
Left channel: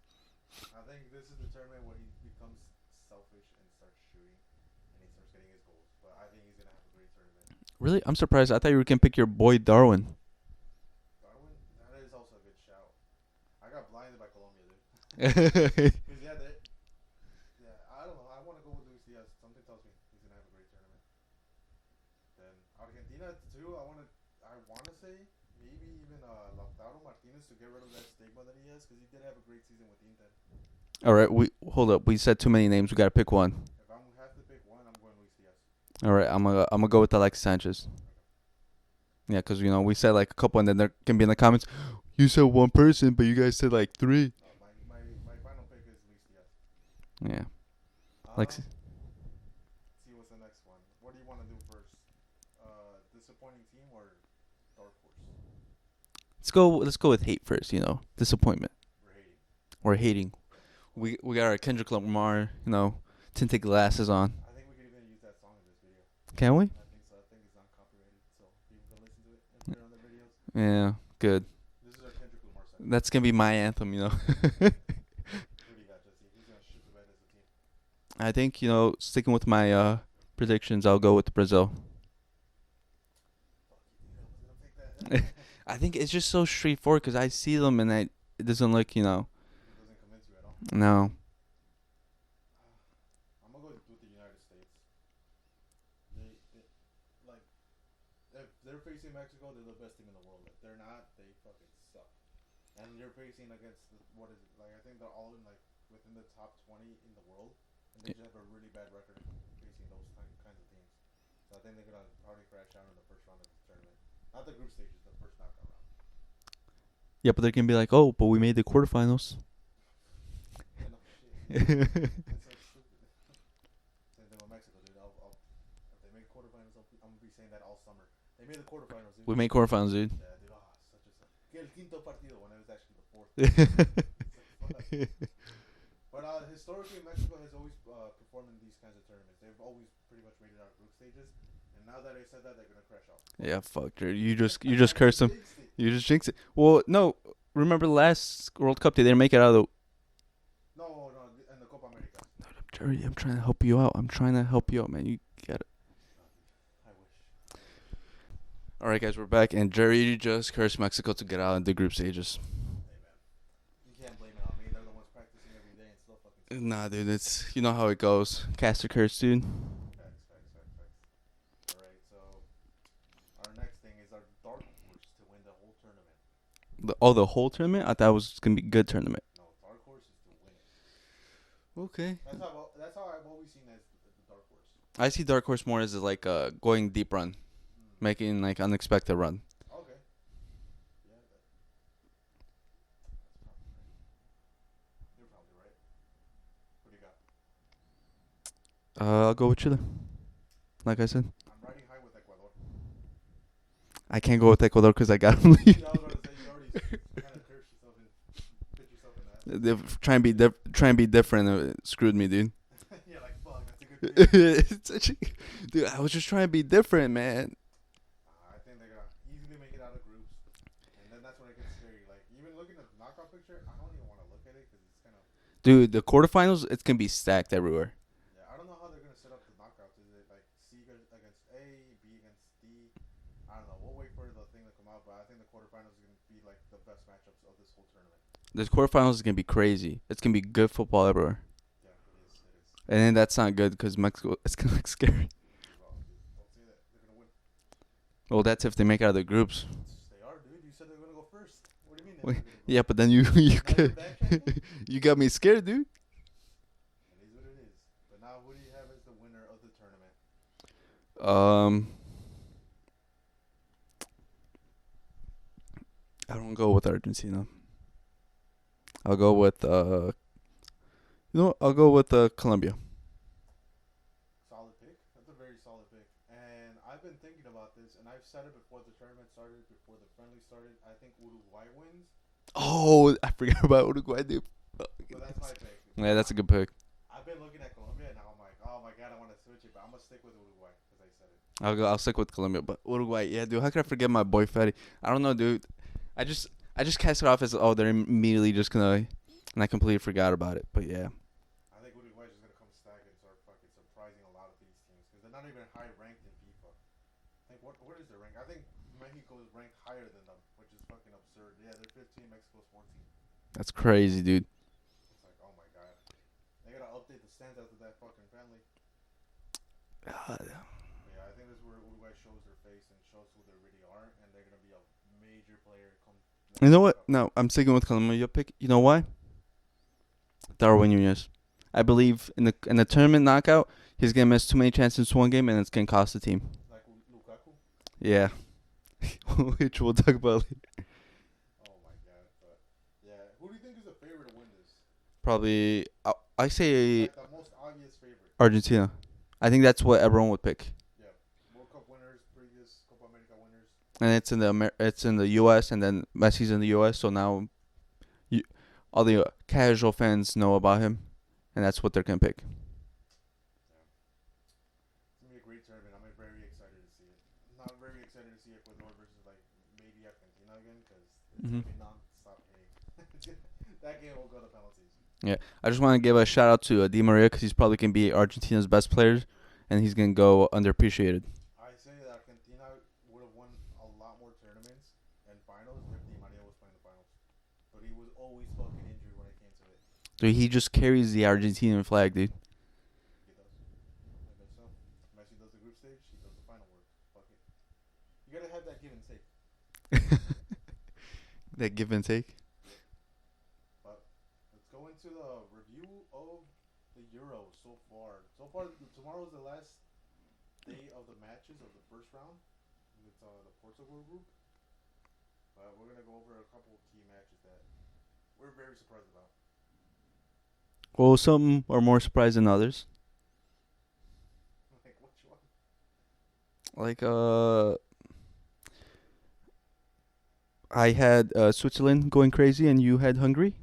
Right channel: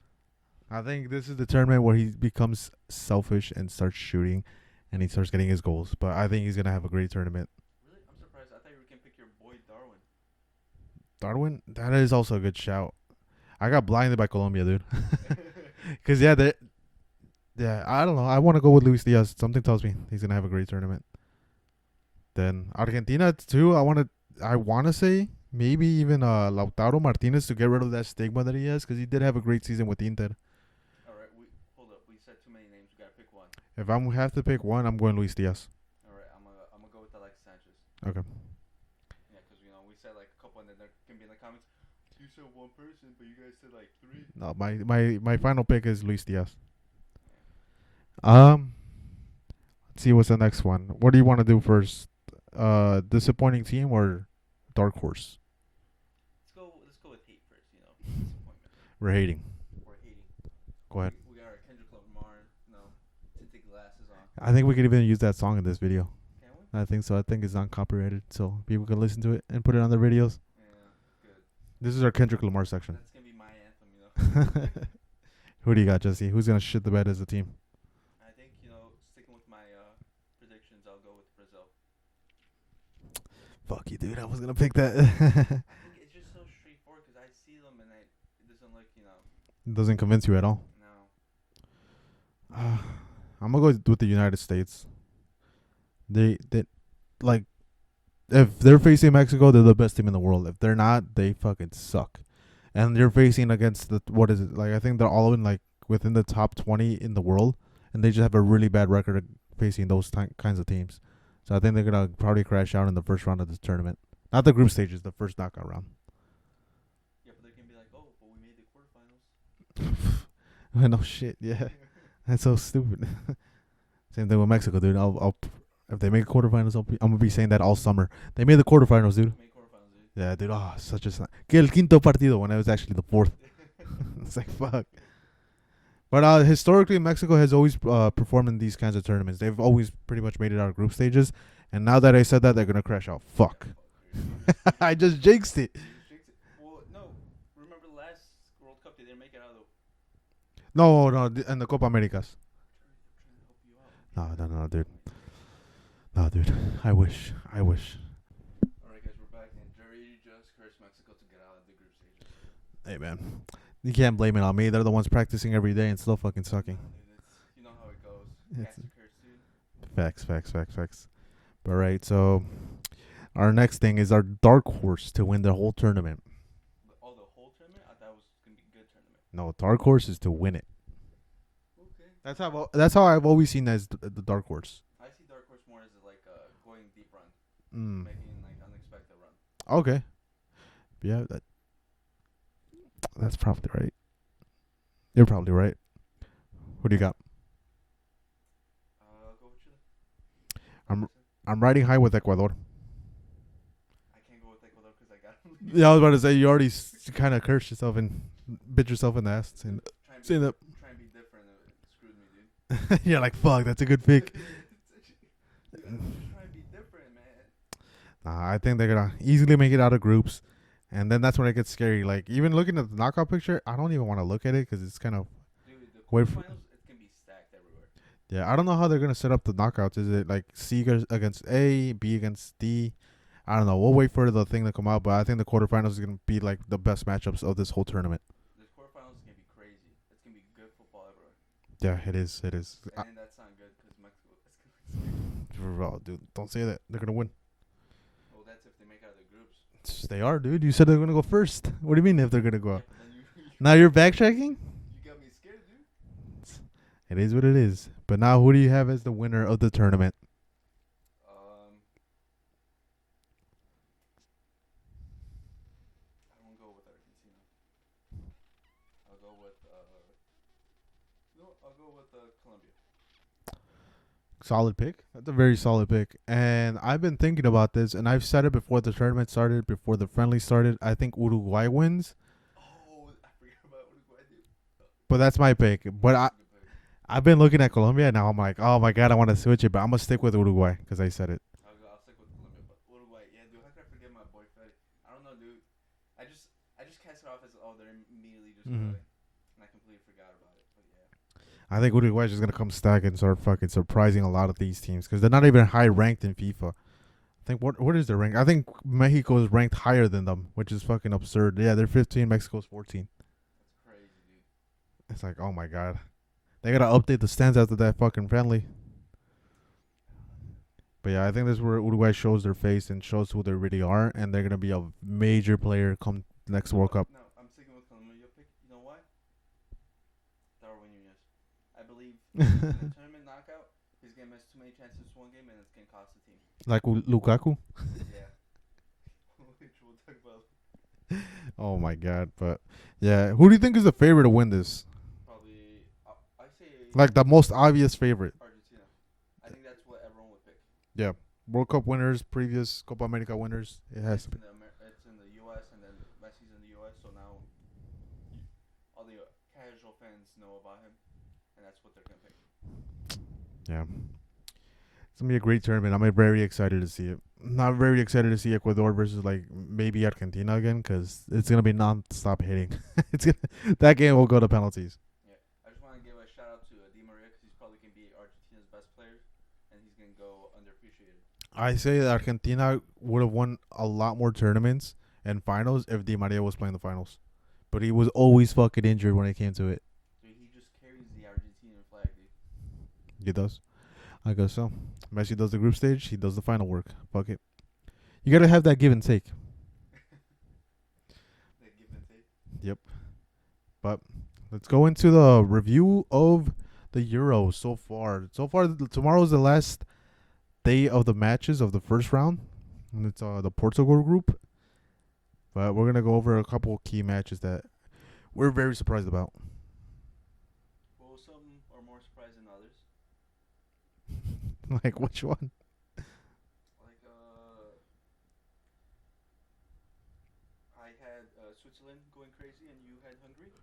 I think this is the tournament where he becomes selfish and starts shooting, and he starts getting his goals. But I think he's gonna have a great tournament. Really, I'm surprised. I thought you were gonna pick your boy Darwin. Darwin, that is also a good shout. I got blinded by Colombia, dude. Cause yeah, I don't know. I want to go with Luis Diaz. Something tells me he's gonna have a great tournament. Then Argentina too. I want to say maybe even Lautaro Martinez, to get rid of that stigma that he has, because he did have a great season with Inter. All right, hold up. We said too many names. We gotta pick one. If I have to pick one, I'm going Luis Diaz. All right, I'm gonna go with Alexis Sanchez. Okay. Yeah, because we said like a couple, and then there can be in the comments, you said one person, but you guys said like three. No, my final pick is Luis Diaz. Yeah. Let's see what's the next one. What do you want to do first? Disappointing team or dark horse? Let's go with hate first. Disappointment. We're hating. We're hating. Go ahead. We got our Kendrick Lamar, tinted glasses on. I think we could even use that song in this video. Can we? I think so. I think it's not copyrighted, so people can listen to it and put it on their videos. Yeah, good. This is our Kendrick Lamar section. That's gonna be my anthem, Who do you got, Jesse? Who's gonna shit the bed as a team? I think sticking with my predictions, I'll go with Brazil. Fuck you, dude. I was gonna pick that. I think it's just so straightforward, because I see them and it doesn't look, It doesn't convince you at all. No. I'm gonna go with the United States. They like, if they're facing Mexico, they're the best team in the world. If they're not, they fucking suck. And they're facing against what is it? Like, I think they're all in within the top 20 in the world, and they just have a really bad record facing those kinds of teams. So I think they're gonna probably crash out in the first round of this tournament. Not the group stages, the first knockout round. Yeah, but they're gonna be like, oh, but we made the quarterfinals. No shit, yeah. That's so stupid. Same thing with Mexico, dude. If they make quarterfinals, I'm gonna be saying that all summer. They made the quarterfinals, dude. We made quarterfinals, dude. Yeah, dude. Oh, such a que el quinto partido, when it was actually the fourth. It's like, fuck. But historically, Mexico has always performed in these kinds of tournaments. They've always pretty much made it out of group stages. And now that I said that, they're gonna crash out. Fuck. Yeah, fuck, dude. You just I cursed just jinxed it. You just jinxed it. Well, no. Remember the last World Cup, they didn't make it out of the. No, and the Copa Americas. Jerry, I'm trying to help you out. I'm trying to help you out, man. You got it. No, dude. I wish. All right, guys, we're back, and Jerry just cursed Mexico to get out of the group stages. Hey, man. You can't blame it on me. They're the ones practicing every day and still fucking sucking. Nah, dude, it's you know how it goes. Cast a curse, dude. Facts. All right, so our next thing is our dark horse to win the whole tournament. The whole tournament? I thought it was gonna be a good tournament. No, dark horse is to win it. Okay. That's how I've always seen as the dark horse. I see Dark Horse more as like a going deep run, making like unexpected run. Okay. Yeah, that's probably right. You're probably right. What do you got? I'll go with Chile. Like I said, I'm riding high with Ecuador. I can't go with Ecuador because I got them. Yeah, I was about to say you already kind of cursed yourself and bit yourself in the ass. Try and be different. It screwed me, dude. You're like, fuck, that's a good pick. Dude, I was just trying to be different, man. I think they're gonna easily make it out of groups, and then that's when it gets scary. Like even looking at the knockout picture, I don't even want to look at it because it's kind of. Dude, the quarterfinals, it's gonna be stacked everywhere. Yeah, I don't know how they're gonna set up the knockouts. Is it like C against A, B against D? I don't know. We'll wait for the thing to come out, but I think the quarterfinals is gonna be like the best matchups of this whole tournament. This quarterfinals is gonna be crazy. It's gonna be good football everywhere. Yeah, it is. And then that's not good because Mexico, it's gonna look scary. Oh, dude, don't say that. They're gonna win. Well, that's if they make it out of the groups. They are, dude. You said they're gonna go first. What do you mean if they're gonna go? Yeah, but then you now you're backtracking. You got me scared, dude. It is what it is. But now, who do you have as the winner of the tournament? I don't go with Argentina. I'll go with I'll go with Colombia. Solid pick. That's a very solid pick. And I've been thinking about this, and I've said it before the tournament started, before the friendly started. I think Uruguay wins. Oh, I forgot about Uruguay, dude. But that's my pick. Yeah, but that's a good pick. I've been looking at Colombia, and now I'm like, oh my god, I want to switch it, but I'm gonna stick with Uruguay because I said it. I'll stick with Colombia, but Uruguay, yeah, dude. How could I forget my boy Fetty? I don't know, dude. I just cast it off as they're immediately just gonna, and I completely forgot about it. But yeah, I think Uruguay is just gonna come stack and start fucking surprising a lot of these teams because they're not even high ranked in FIFA. I think what is their rank? I think Mexico is ranked higher than them, which is fucking absurd. Yeah, they're 15. Mexico's 14. that's crazy, dude. It's like, oh my god. They gotta update the stands after that fucking friendly. But yeah, I think this is where Uruguay shows their face and shows who they really are, and they're gonna be a major player come next You know World what? Cup. No, I'm sticking with Colombia pick. You know why? Darwin Nunez. I believe in the tournament knockout, he's gonna miss too many chances in one game, and it's gonna cost the team. Like Lukaku. Yeah, which we'll talk about later. Oh my god! But yeah, who do you think is the favorite to win this? Probably, I say Like the most obvious favorite. Argentina. I think that's what everyone would pick. Yeah, World Cup winners, previous Copa America winners, And it's in the U.S. and then Messi's in the U.S. So now, all the casual fans know about him, and that's what they're gonna pick. Yeah, it's gonna be a great tournament. I'm very excited to see it. Not very excited to see Ecuador versus like maybe Argentina again because it's gonna be non-stop hitting. That game will go to penalties. Yeah, I just want to give a shout out to Di Maria because he's probably gonna be Argentina's best player, and he's gonna go underappreciated. I say that Argentina would have won a lot more tournaments and finals if Di Maria was playing the finals, but he was always fucking injured when it came to it. Dude, he just carries the Argentinian flag, dude. He does. I guess so. Messi does the group stage. He does the final work. Fuck it. You gotta have that give and take. That give and take. Yep. But let's go into the review of the Euros so far. Tomorrow's the last day of the matches of the first round. And it's the Portugal group. But we're gonna go over a couple of key matches that we're very surprised about. Well, some are more surprised than others. Like which one? Like I had Switzerland going crazy, and you had Hungary.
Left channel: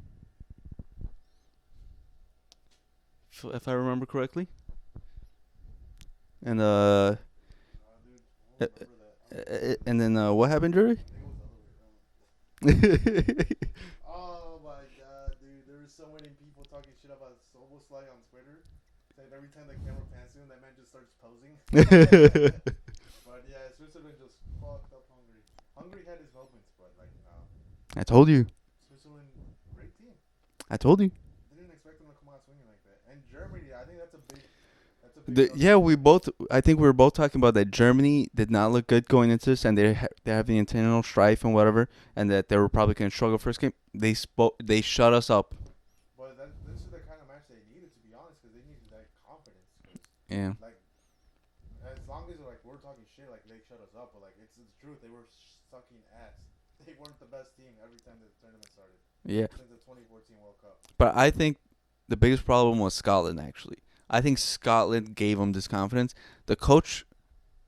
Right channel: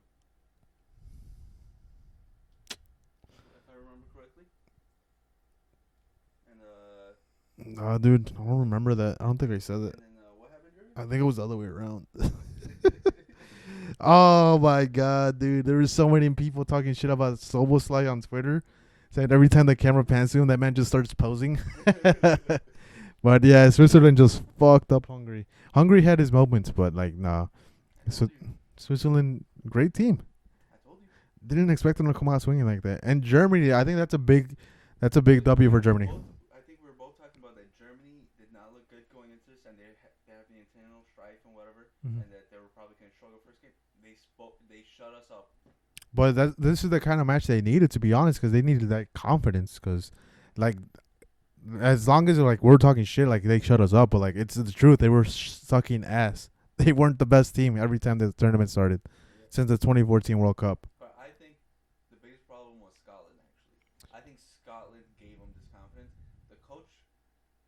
If I remember correctly. And dude, I don't remember that. I don't think I said that. And then what happened, Jerry? I think it was the other way around. Oh my god, dude! There were so many people talking shit about Soboslai on Twitter. Said every time the camera pans to him, that man just starts posing. But But yeah, Switzerland just fucked up Hungary. Hungary had his moments, but like, nah. I told you. Switzerland, great team. I told you. Didn't expect them to come out swinging like that. And Germany, I think that's a big W for Yeah, Germany. I think we were both talking about that Germany did not look good going into this, and they have the internal strife and whatever, and that they were probably going to struggle first game. They shut us up. But this is the kind of match they needed, to be honest, because they needed that confidence. Because Yeah. like, as long as like we're talking shit, like they shut us up, but like it's the truth. They were sucking ass. They weren't the best team every time the tournament started. Yeah. Since the 2014 World Cup. But I think the biggest problem was Scotland, actually. I think Scotland gave them this confidence. The coach,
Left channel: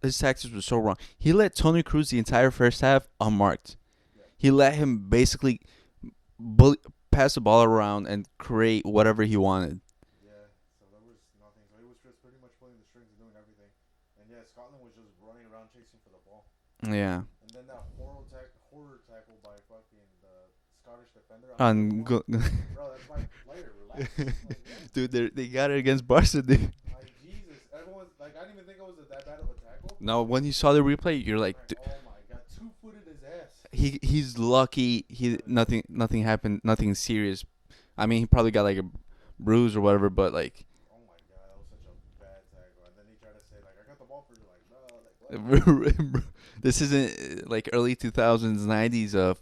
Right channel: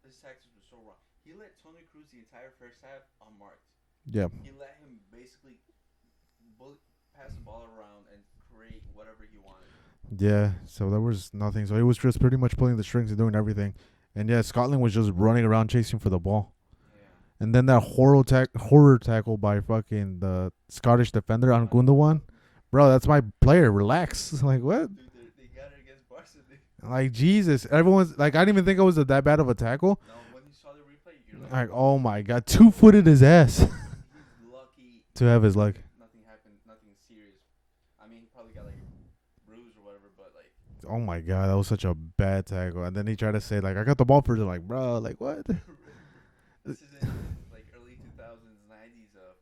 his tactics were so wrong. He let Tony Cruz the entire first half unmarked. Yeah. He let him basically pass the ball around and create whatever he wanted. Yeah, so there was nothing. So he was just pretty much pulling the strings and doing everything. And yeah, Scotland was just running around chasing for the ball. Yeah. And then that horror tackle by fucking the Scottish defender on Gundogan. Bro, that's my player. Relax. Like, what? Dude, they got it against Barca, dude. Like, Jesus. Everyone's like, I didn't even think it was that bad of a tackle. No, when you saw the replay, you're like oh my God. 2-footed his ass. He's lucky to have his nothing happened, nothing serious. I mean, he probably got like a bruise or whatever, but like, oh my God, that was such a bad tackle. And then he tried to say like, I got the ball first. Like, bro, like what? This isn't like early 2000s, 90s of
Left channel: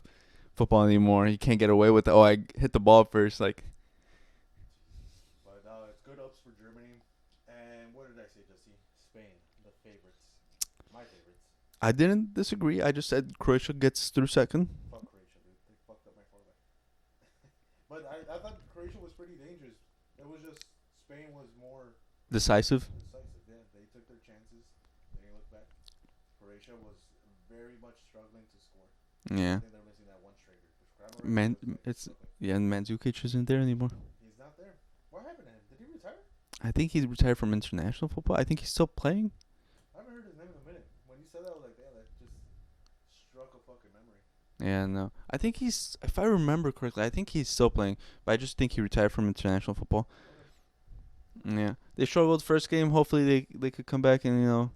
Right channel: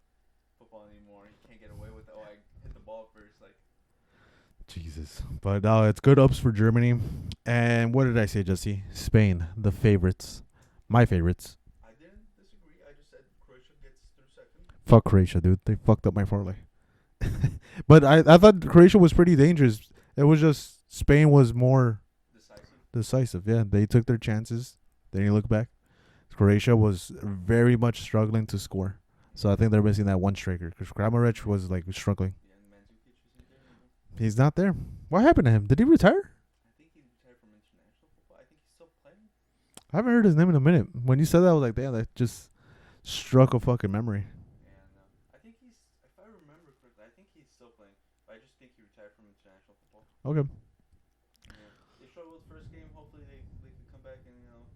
football anymore. You can't get away with I hit the ball first. Like, Jesus. But no, it's good ups for Germany. And what did I say, Jesse? Spain, the favorites. My favorites. I didn't disagree. I just said Croatia gets through second. Fuck Croatia, dude. They fucked up my parlay. But I thought Croatia was pretty dangerous. It was just Spain was more decisive. Yeah. They took their chances. Then you look back. Croatia was very much struggling to score. Yeah. So I think they're missing that one striker. Because Kramaric was like struggling. Yeah, and Mandzukic isn't there anymore. He's not there. What happened to him? Did he retire? I think he's retired from international football. I think he's still playing. I haven't heard his name in a minute. When you said that, I was like, damn, that just struck a fucking memory. Yeah, no. I think he's, if I remember correctly, I think he's still playing. But I just think he retired from international football. Okay. Yeah. They struggled first game. Hopefully they could come back and,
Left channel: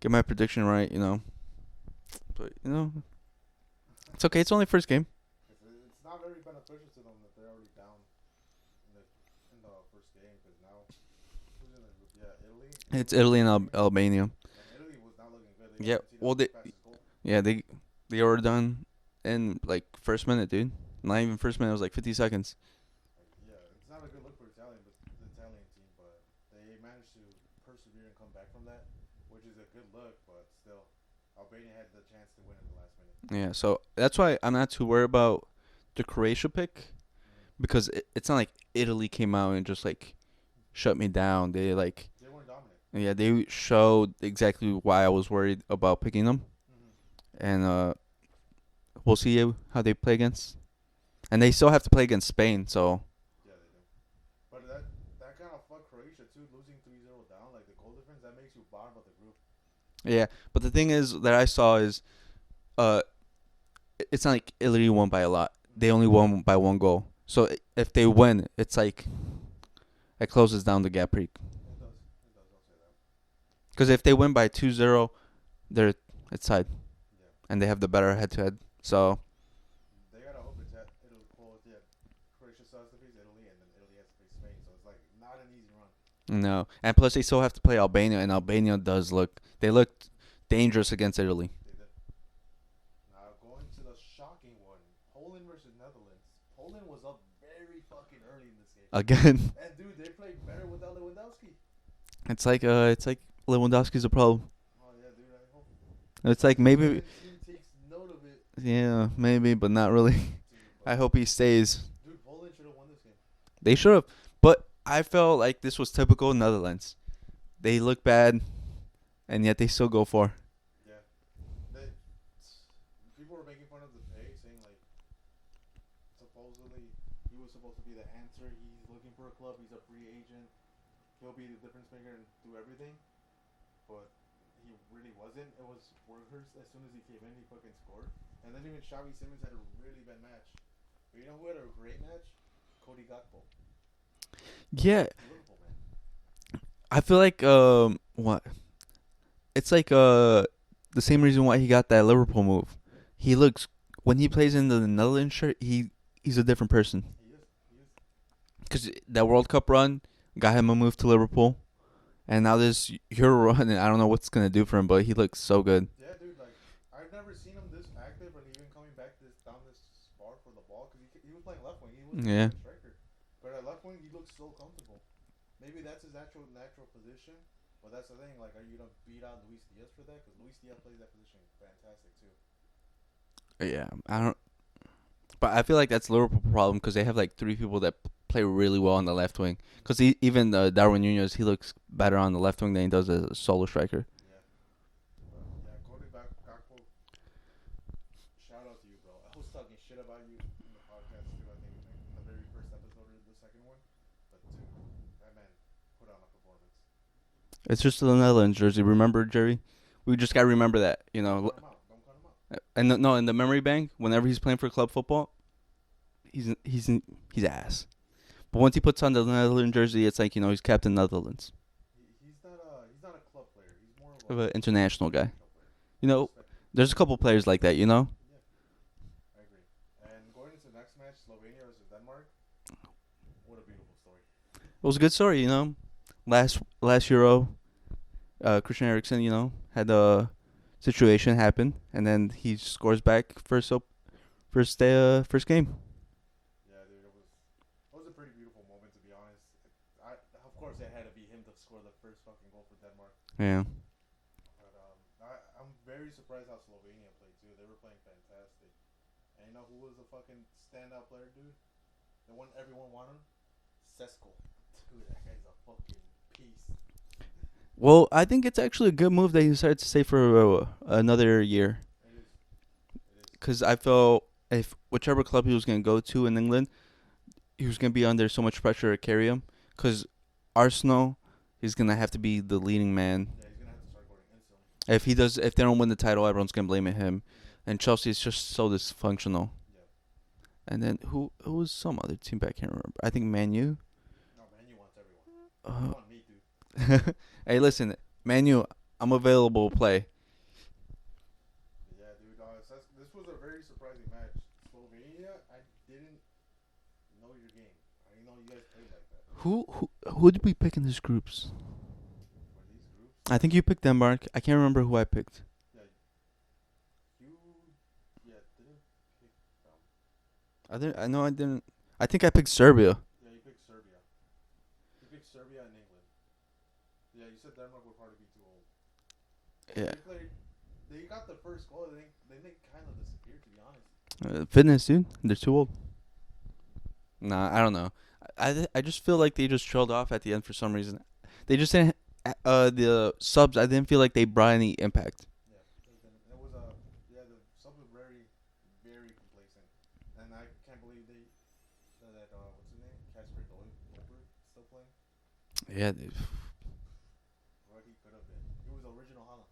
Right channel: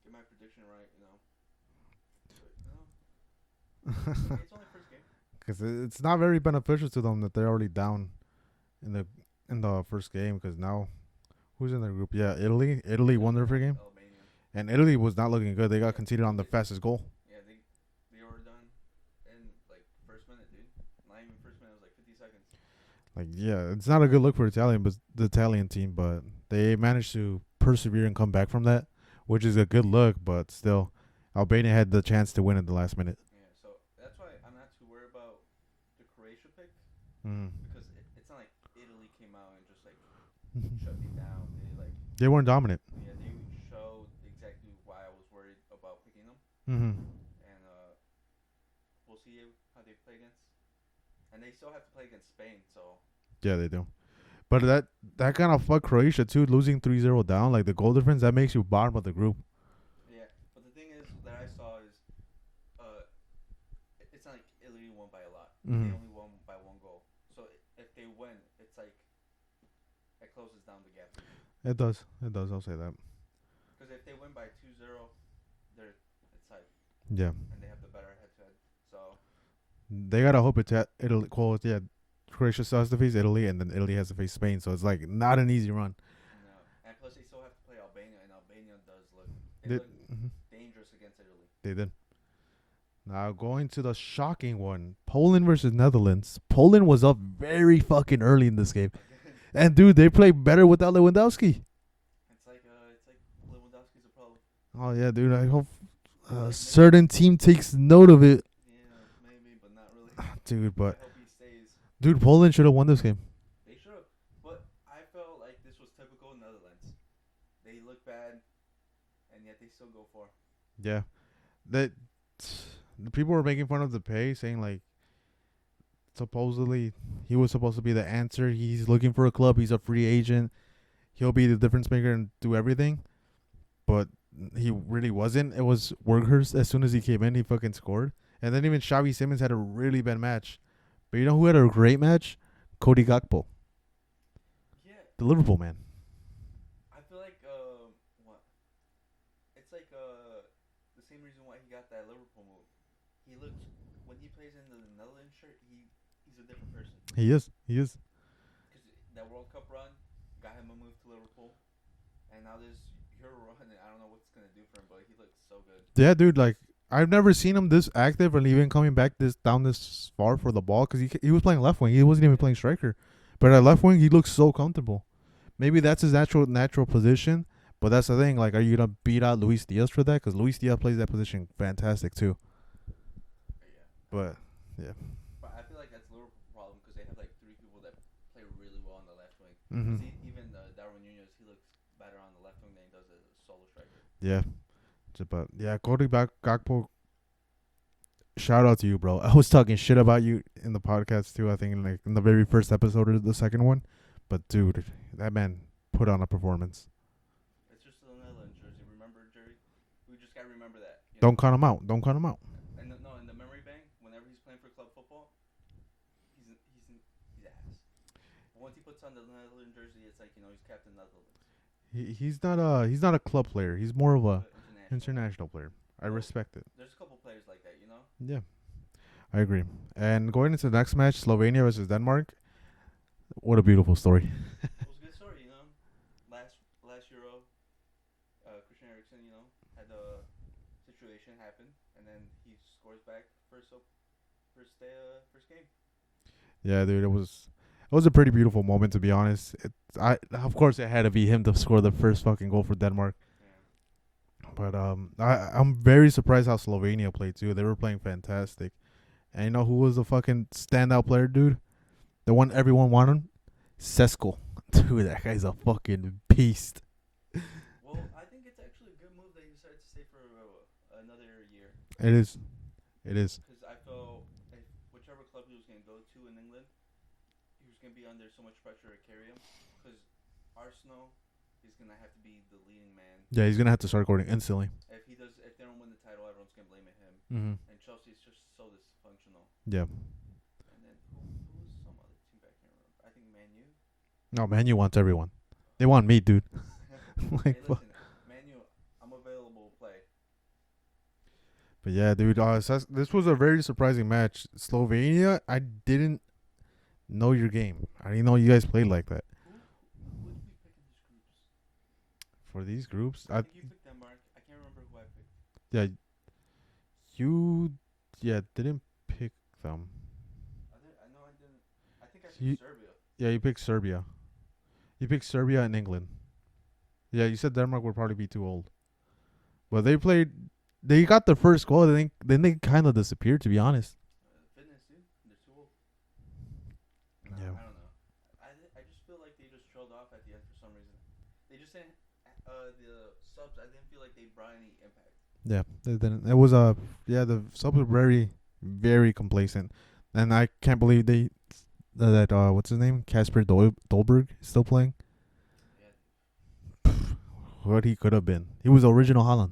get my prediction right, But, it's okay. It's only first game. Because it's not very beneficial to them that they're already down in the first game. Because now, who's in their group? Yeah, Italy. It's Italy and Albania. And Italy was not looking good. They got conceded on the fastest goal. Yeah, they were done in, like, first minute, dude. Not even first minute. It was, like, 50 seconds. Like, yeah, it's not a good look for the Italian team. But they managed to persevere and come back from that, which is a good look, but still, Albania had the chance to win at the last minute. Yeah, so that's why I'm not too worried about the Croatia pick, because it's not like Italy came out and just, like, shut me down. They weren't dominant. Yeah, they showed exactly why I was worried about picking them. And we'll see how they play against. And they still have to play against Spain, so. Yeah, they do. But that kind of fucked Croatia, too, losing 3-0 down. Like, the goal difference, that makes you bottom of the group. Yeah, but the thing is that I saw is it's not like Italy won by a lot. They only won by one goal. So if they win, it's like it closes down the gap pretty. It does. I'll say that. Because if they win by 2-0, it's tied. Yeah. And they have the better head-to-head. So they got to hope it's Italy. Yeah, Croatia still has to face Italy, and then Italy has to face Spain. So it's like not an easy run. No. And plus they still have to play Albania, and Albania does look looked dangerous against Italy. They did. Now going to the shocking one, Poland versus Netherlands. Poland was up very fucking early in this game. Again. And dude, they played better without Lewandowski. It's like Lewandowski's a problem. Oh yeah, dude. I hope it's like maybe certain team takes note of it. Yeah, maybe, but not really. Dude, but I hope he stays. Dude, Poland should have won this game. They should have, but I felt like this was typical Netherlands. They look bad, and yet they still go for. Yeah, the people were making fun of the pay, saying like, supposedly he was supposed to be the answer. He's looking for a club. He's a free agent. He'll be the difference maker and do everything, but he really wasn't. It was Weghorst. As soon as he came in, he fucking scored. And then even Xavi Simons had a really bad match. But you know who had a great match? Cody Gakpo. Yeah. The Liverpool man. I feel like what? It's like the same reason why he got that Liverpool move. He looks when he plays in the Netherlands shirt, he's a different person. He is. He is. Because that World Cup run got him a move to Liverpool, and now this Euro run, and I don't know what's gonna do for him, but he looks so good. Yeah, dude. Like I've never seen him this active and even coming back down this far for the ball because he was playing left wing. He wasn't even playing striker, but at left wing he looks so comfortable. Maybe that's his natural position, but that's the thing. Like, are you gonna beat out Luis Diaz for that? Because Luis Diaz plays that position fantastic too. Yeah, I don't. Yeah, but I feel like that's Liverpool problem because they have like 3 people that play really well on the left wing. Because even Darwin Nunez, he looks better on the left wing than he does as a solo striker. Yeah, but yeah, Cody Gakpo. Shout out to you, bro. I was talking shit about you in the podcast too. I think in the very first episode or the second one, but dude, that man put on a performance. It's just the Netherlands jersey. Remember, Jerry? We just gotta remember that. Don't count him out. Don't count him out. And in the memory bank, whenever he's playing for club football, he's ass. But once he puts on the Netherlands jersey, it's like he's Captain Netherlands. He's not a club player. He's more of an international guy. Player. I respect it. There's a couple players like that. Yeah, I agree. And going into the next match, Slovenia versus Denmark. What a beautiful story. It was a good story. Last Euro, Christian Eriksen, had a situation happen, and then he scores back first game. Yeah, dude, it was a pretty beautiful moment, to be honest. Of course it had to be him to score the first fucking goal for Denmark. Yeah. But I'm very surprised how Slovenia played too. They were playing fantastic. And you know who was the fucking standout player, dude? The one everyone wanted? Sesko. Dude, that guy's a fucking beast. Well, I think it's actually a good move that he decided to stay for another year. It is. Because I felt if whichever club he was going to go to in England, he was going to be under so much pressure to carry him. Because Arsenal, he's going to have to be the leading man. Yeah, he's going to have to start scoring instantly. If they don't win the title, everyone's going to blame it him. Mm-hmm. And Chelsea is just so dysfunctional. Yeah. And then who was some other team back? I can't remember. I think Man U. No, Man U wants everyone. They want me, dude. Hey, listen, Man U, I'm available to play. But yeah, dude, this was a very surprising match. Slovenia, I didn't know your game. I didn't know you guys played like that. Who did we pick in these groups? For these groups? I think you picked Denmark. I can't remember who I picked. Yeah, you didn't pick them. I didn't. I think I picked Serbia. Yeah, you picked Serbia. You picked Serbia and England. Yeah, you said Denmark would probably be too old. Well, they got their first goal. Then they kind of disappeared, to be honest. Fitness, dude. They're too old. Nah, I don't know. I just feel like they just trailed off at the end for some reason. They just didn't. The subs, I didn't feel like they brought any impact. Yeah, it was the subs were very, very complacent, and I can't believe that what's his name, Kasper Dolberg, is still playing. Yeah, what he could have been. He was the original Haaland.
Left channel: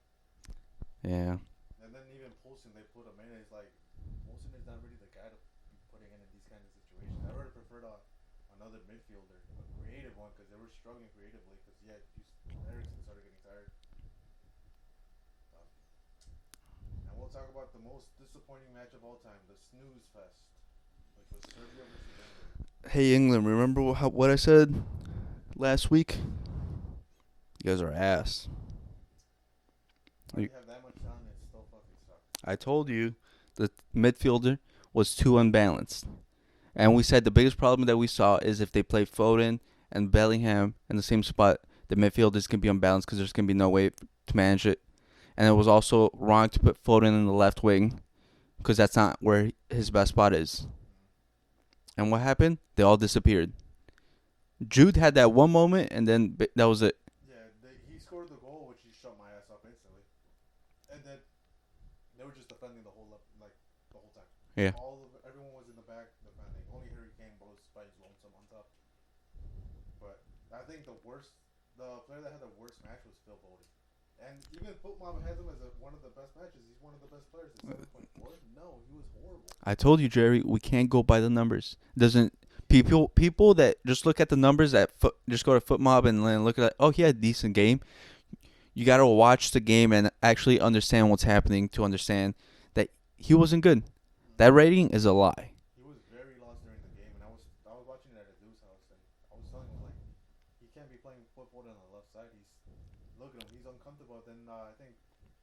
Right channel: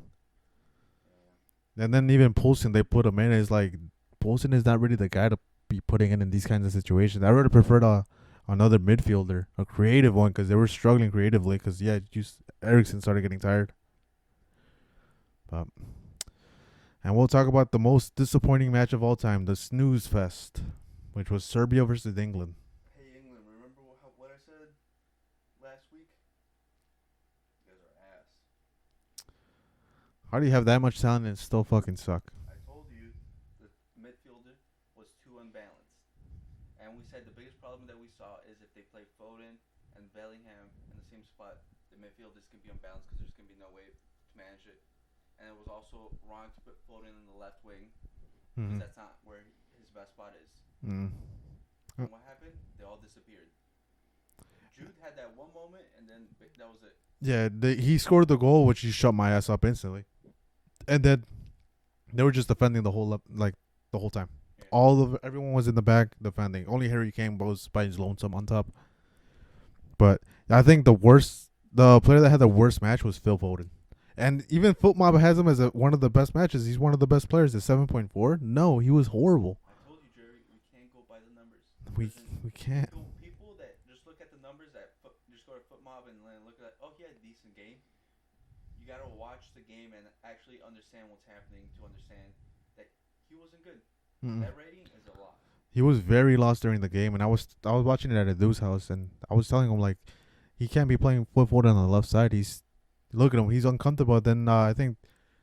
Yeah. And then even Poulsen, they put him in. It's like Poulsen is not really the guy to be putting in these kinds of situations. I would have preferred another midfielder, a creative one, because they were struggling creatively. Because Eriksen started getting tired. And we'll talk about the most disappointing match of all time, the snooze fest, which was Serbia versus England. Hey, England, remember what I said last week? You guys are ass. How do you have that much talent and still fucking suck? I told you the midfielder was too unbalanced. And we said the biggest problem that we saw is if they play Foden and Bellingham in the same spot, the midfield is going to be unbalanced because there's going to be no way to manage it. And it was also wrong to put Foden in the left wing because that's not where his best spot is. And what happened? They all disappeared. Jude had that one moment, and then that was it. Yeah, he scored the goal, which he shut my ass up instantly. And then they were just defending the whole time. Yeah. Everyone was in the back defending. Only Harry Kane was by his lonesome on top. But I think the player that had the worst match was Phil Foden. And even FootMob has him as one of the best matches. He's one of the best players at 7.4. No, he was horrible. I told you, Jerry, we can't go by the numbers. People that just look at the numbers just go to FootMob and look at he had a decent game. you got to watch the game and actually understand what's happening to understand that he wasn't good. That rating is a lie. He was very lost during the game, and I was watching it at a dude's house, and I was telling him like he can't be playing Phil Foden on the left side. Look at him, he's uncomfortable. Then I think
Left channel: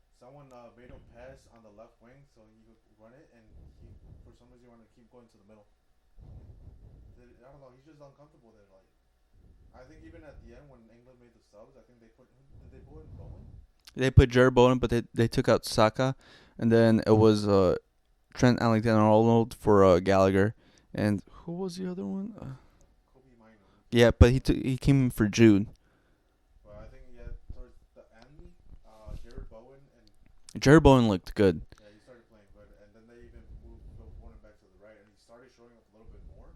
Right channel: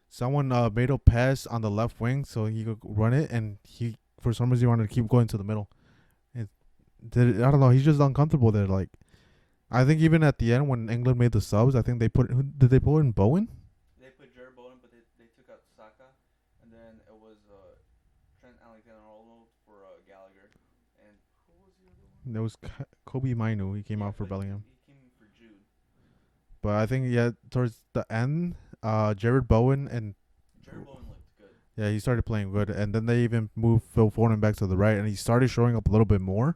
someone made a pass on the left wing so he could run it, and he for some reason wanted to keep going to the middle. I don't know, he's just uncomfortable there. Like I think even at the end when England made the subs, I think did they put in Bowen? They put Jared Bowen, but they took out Saka, and then it was Trent Alexander-Arnold for Gallagher, and who was the other one? There was Kobe Mainu. But he came for Jude. But I think towards the end, Jared Bowen looked good. Yeah, he started playing good, and then they even moved Phil Foden back to the right, and he started showing up a little bit more.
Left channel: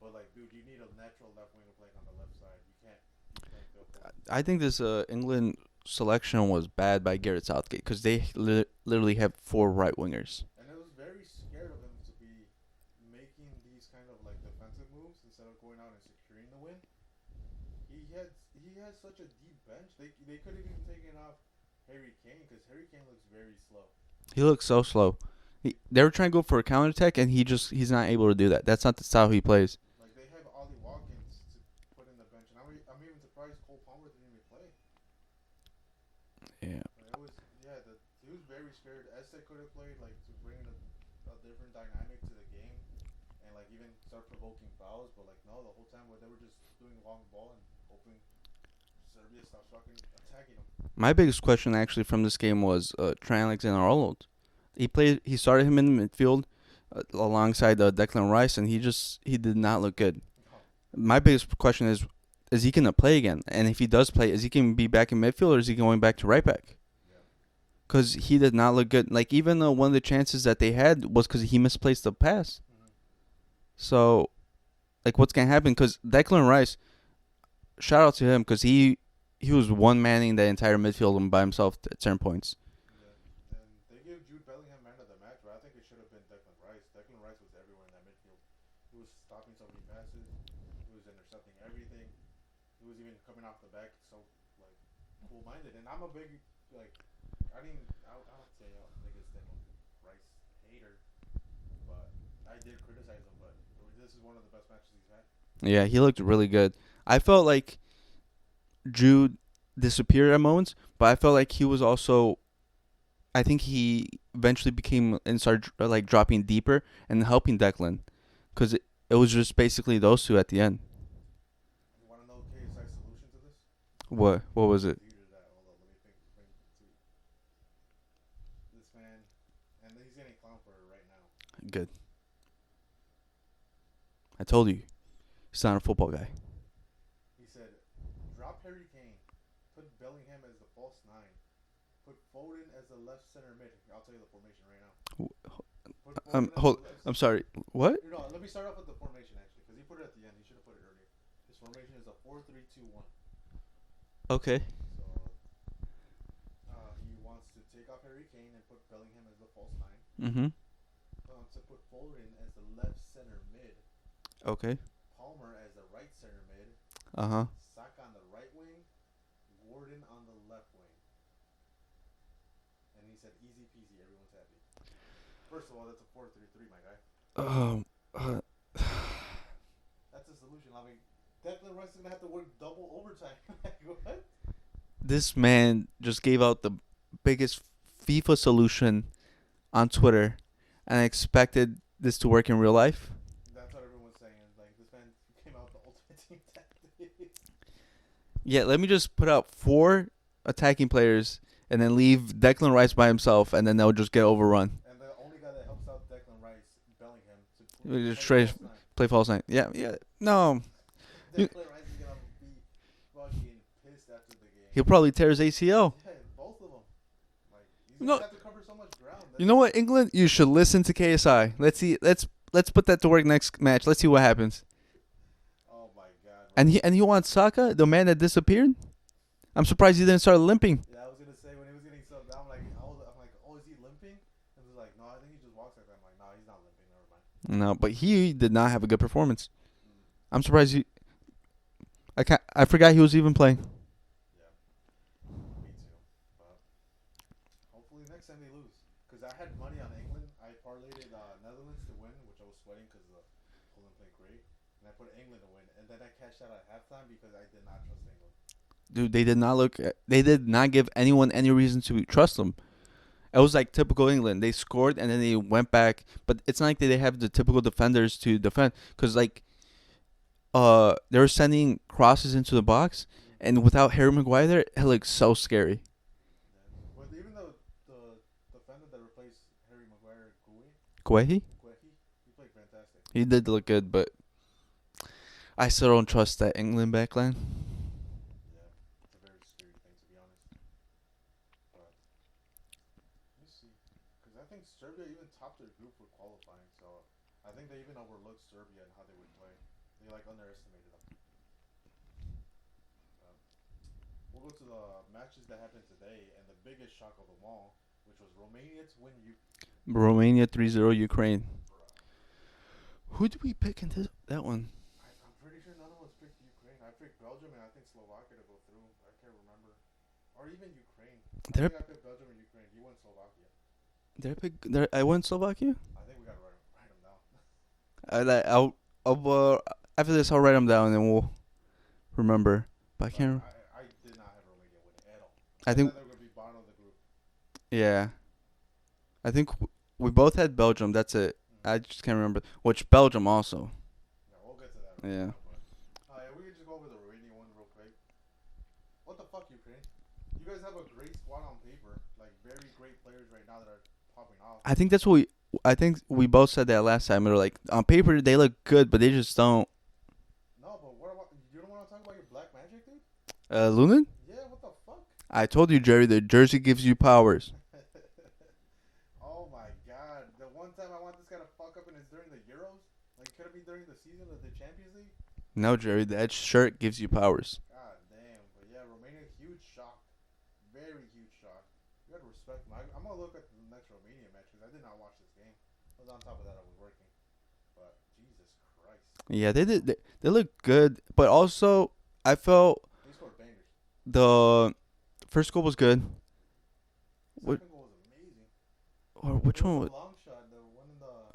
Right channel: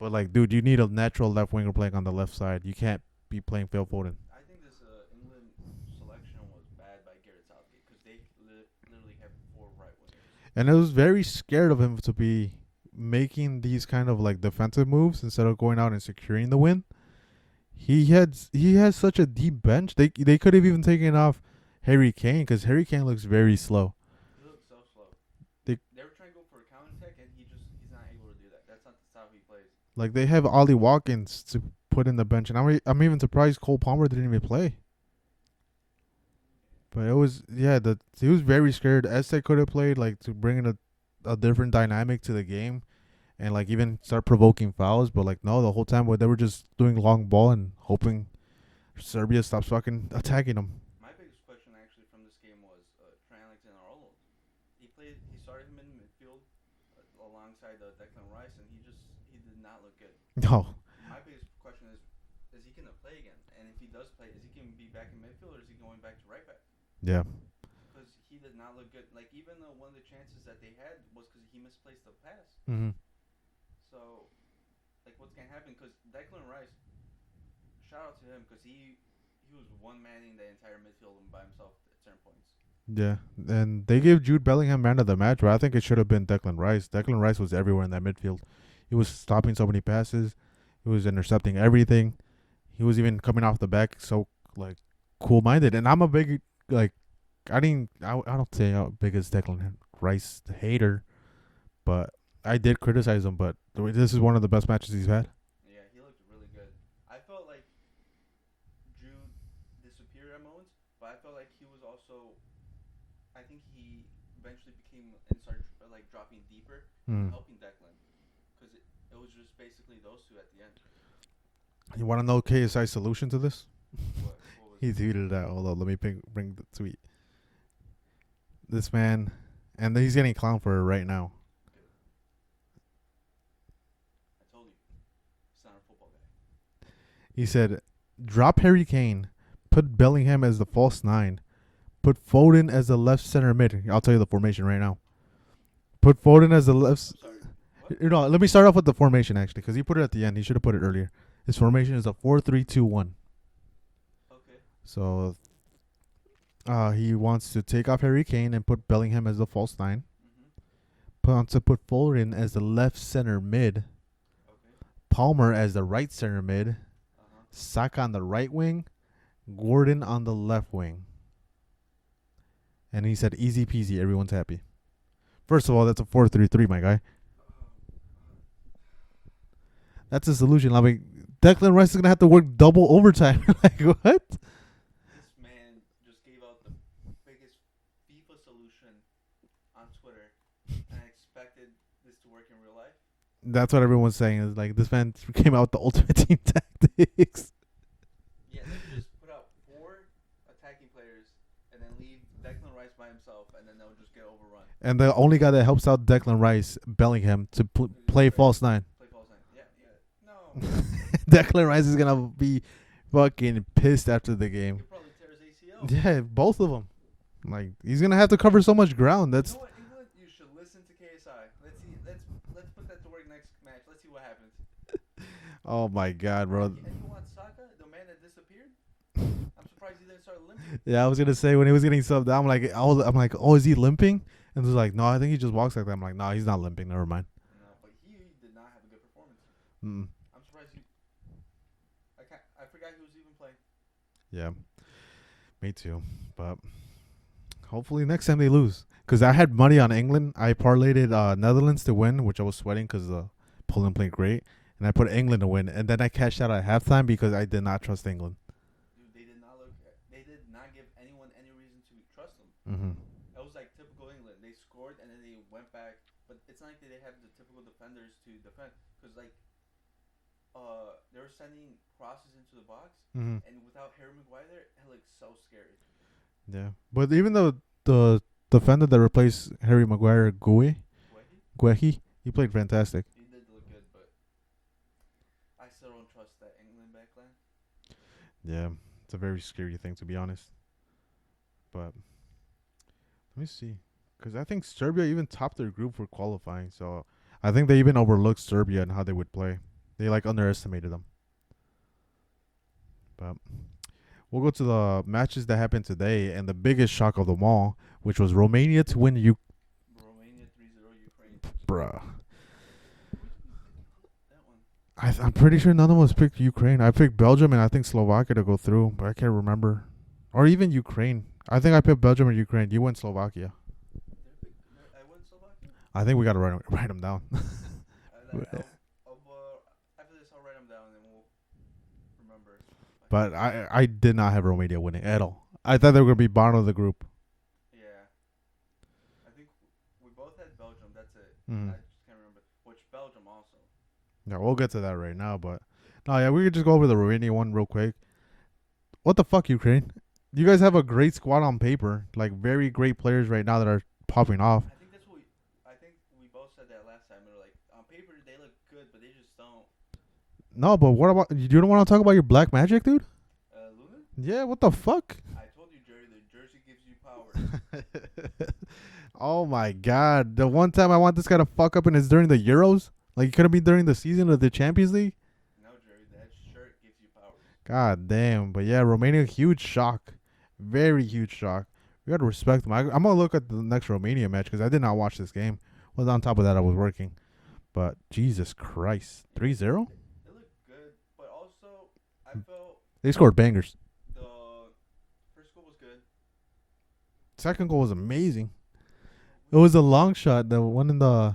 But like, dude, you need a natural left winger playing on the left side. You can't be playing Phil Foden. I think this England selection was bad by Gareth Southgate because they literally have 4 right wingers. And I was very scared of him to be making these kind of like defensive moves instead of going out and securing the win. He has such a deep bench. They could have even taken off Harry Kane because Harry Kane looks very slow. He looks so slow. They were trying to go for a counterattack, and he's not able to do that. That's not the style he plays. Like they have Ollie Watkins to put in the bench, and I'm even surprised Cole Palmer didn't even play. Yeah, but it was he was very scared. Esse could have played like to bring in a different dynamic to the game, and like even start provoking fouls. But like no, the whole time they were just doing long ball and hoping Serbia stops fucking attacking them. My biggest question actually from this game was Trent Alexander-Arnold. He started him in the midfield alongside Declan Rice, and he did not look good. No. My biggest question is he going to play again? And if he does play, is he going to be back in midfield, or is he going back to right back? Yeah. Because he did not look good. Like, even one of the chances that they had was because he misplaced the pass. Mm-hmm. So, like, what's going to happen? Because Declan Rice, shout out to him, because he was one-manning the entire midfield by himself at certain points. Yeah, and they gave Jude Bellingham man of the match, but I think it should have been Declan Rice. Declan Rice was everywhere in that midfield. He was stopping so many passes. He was intercepting everything. He was even coming off the back so, like, cool-minded. And I'm a big, like, I don't say how big is Declan Rice hater, but I did criticize him, but this is one of the best matches he's had. Yeah, he looked really good. I felt like Jude disappeared at moments, but I felt like he was also... I think he eventually became and started like dropping deeper and helping Declan, because it was just basically those two at the end. You want to know KSI's solution to this? What was it? He tweeted that. Hold on, let me bring the tweet. This man, and he's getting clowned for it right now. Good. I told you, he's not a football guy. He said, "Drop Harry Kane, put Bellingham as the false 9. Put Foden as the left center mid." I'll tell you the formation right now. Put Foden as the left. I'm sorry. What? Let me start off with the formation actually, because he put it at the end. He should have put it earlier. His formation is a 4-3-2-1. Okay. So, he wants to take off Harry Kane and put Bellingham as the false 9. Mm-hmm. Put Foden as the left center mid. Okay. Palmer as the right center mid. Uh-huh. Saka on the right wing. Gordon on the left wing. And he said, easy peasy, everyone's happy. First of all, that's a 4-3-3, my guy. That's a solution. I mean, Declan Rice is going to have to work double overtime. Like, what? This man just gave out the biggest FIFA solution on Twitter, and I expected this to work in real life. That's what everyone's saying. Is like, this man came out with the ultimate team tactics. Yeah, let me just put out 4 attacking players and then leave Declan Rice by himself, and then they'll just get overrun. And the only guy that helps out Declan Rice, Bellingham, to play false 9. Play false 9. Yeah. No. Declan Rice is going to be fucking pissed after the game. He'll probably tear his ACL. Yeah, both of them. Like, he's going to have to cover so much ground. You know what, England? You should listen to KSI. Let's see. Let's put that to work next match. Let's see what happens. Oh, my God, bro. And he wants Saka, the man that disappeared? I'm surprised he didn't start limping. Yeah, I was gonna say when he was getting subbed, I'm like, oh, is he limping? And it was like, no, I think he just walks like that. I'm like, no, he's not limping. Never mind. No, but he did not have a good performance. Mm. I'm surprised I forgot he was even playing. Yeah, Me too. But hopefully next time they lose. Because I had money on England. I parlayed it Netherlands to win, which I was sweating because Poland played great. And I put England to win. And then I cashed out at halftime because I did not trust England. Dude, they did not look. They did not give anyone any reason to trust them. Mm-hmm. It was like typical England. They scored and then they went back, but it's not like they have the typical defenders to defend. Cause like, they were sending crosses into the box, and without Harry Maguire there, it looked so scary. Yeah, but even though the defender that replaced Harry Maguire, Guehi, he played fantastic. He did look good, but I still don't trust that England backline. Yeah, it's a very scary thing to be honest. But let me see, because I think Serbia even topped their group for qualifying. So I think they even overlooked Serbia and how they would play. They like underestimated them. But we'll go to the matches that happened today, and the biggest shock of them all, which was Romania to win Romania 3-0 Ukraine. Bruh. Who did we pick in that one? I'm pretty sure none of us picked Ukraine. I picked Belgium and I think Slovakia to go through, but I can't remember. Or even Ukraine. I think I picked Belgium or Ukraine. You went Slovakia. Did I pick? I went Slovakia. I think we gotta write them down. I'll after this I'll write them down and we'll remember. But I did not have Romania winning at all. I think thought they were gonna be bottom of the group. Yeah, I think we both had Belgium. That's it. Mm-hmm. I just can't remember which Belgium also. Yeah, we'll get to that right now. But we could just go over the Romania one real quick. What the fuck, Ukraine? You guys have a great squad on paper, like very great players right now that are popping off. I think that's what we both said that last time. They're like on paper they look good, but they just don't. No, but what about you? Don't want to talk about your black magic, dude? Lunin? Yeah, what the fuck? I told you, Jerry. The jersey gives you powers. Oh my god! The one time I want this guy to fuck up and it's during the Euros. Like, it could have been during the season of the Champions League. No, Jerry, that shirt gives you powers. God damn. But yeah, Romania, huge shock. Very huge shock. We got to respect them. I'm going to look at the next Romania match because I did not watch this game. Well, on top of that, I was working. But Jesus Christ. Yeah, they look good. But also, I felt... They scored bangers. The first goal was good. Second goal was amazing. It was a long shot. The one in the...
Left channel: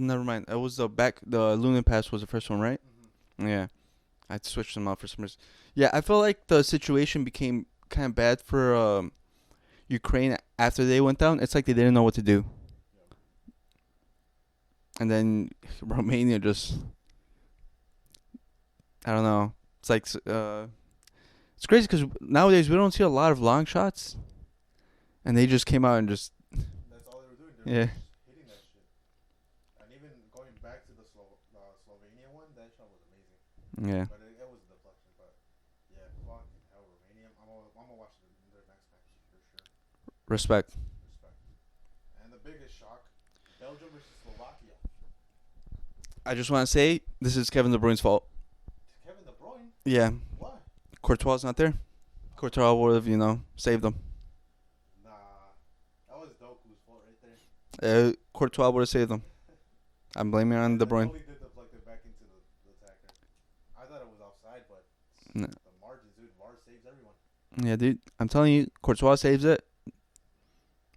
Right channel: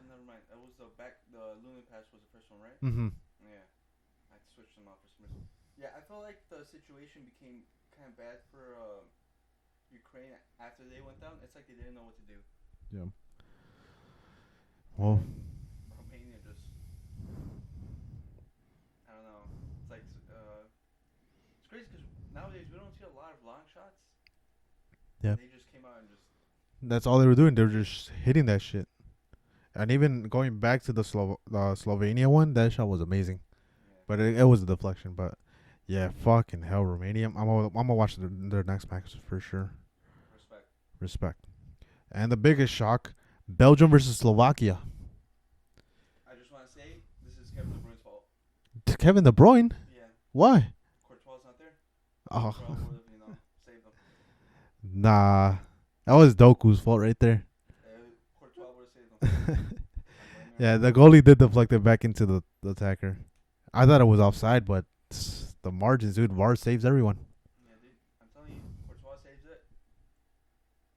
Never mind. It was the Lunin pass was the first one, right? Mm-hmm. Yeah. I switched them out for some reason. Yeah, I felt like the situation became kind of bad for Ukraine after they went down. It's like they didn't know what to do. Yeah. And then Romania just... I don't know. It's like... it's crazy because nowadays we don't see a lot of long shots. Yeah. And they just came out and just... That's all they were doing. They were just hitting that shit. And even going back to the Slovenia one, that shot was amazing. Yeah. But it was a deflection. But yeah, fucking hell, Romania. I'm gonna watch their next match for sure. Respect. And the biggest shock, Belgium versus Slovakia. I just want to say this is Kevin De Bruyne's fault. Kevin De Bruyne? Yeah. Why? Courtois not there. Courtois would have, saved them. Nah. That was Doku's fault right there. Courtois would have saved them. I'm blaming on the goalie did deflect it back into the attacker. I thought it was offside, but the margins, dude. VAR saves everyone. Yeah, dude. I'm telling you, Courtois saves it.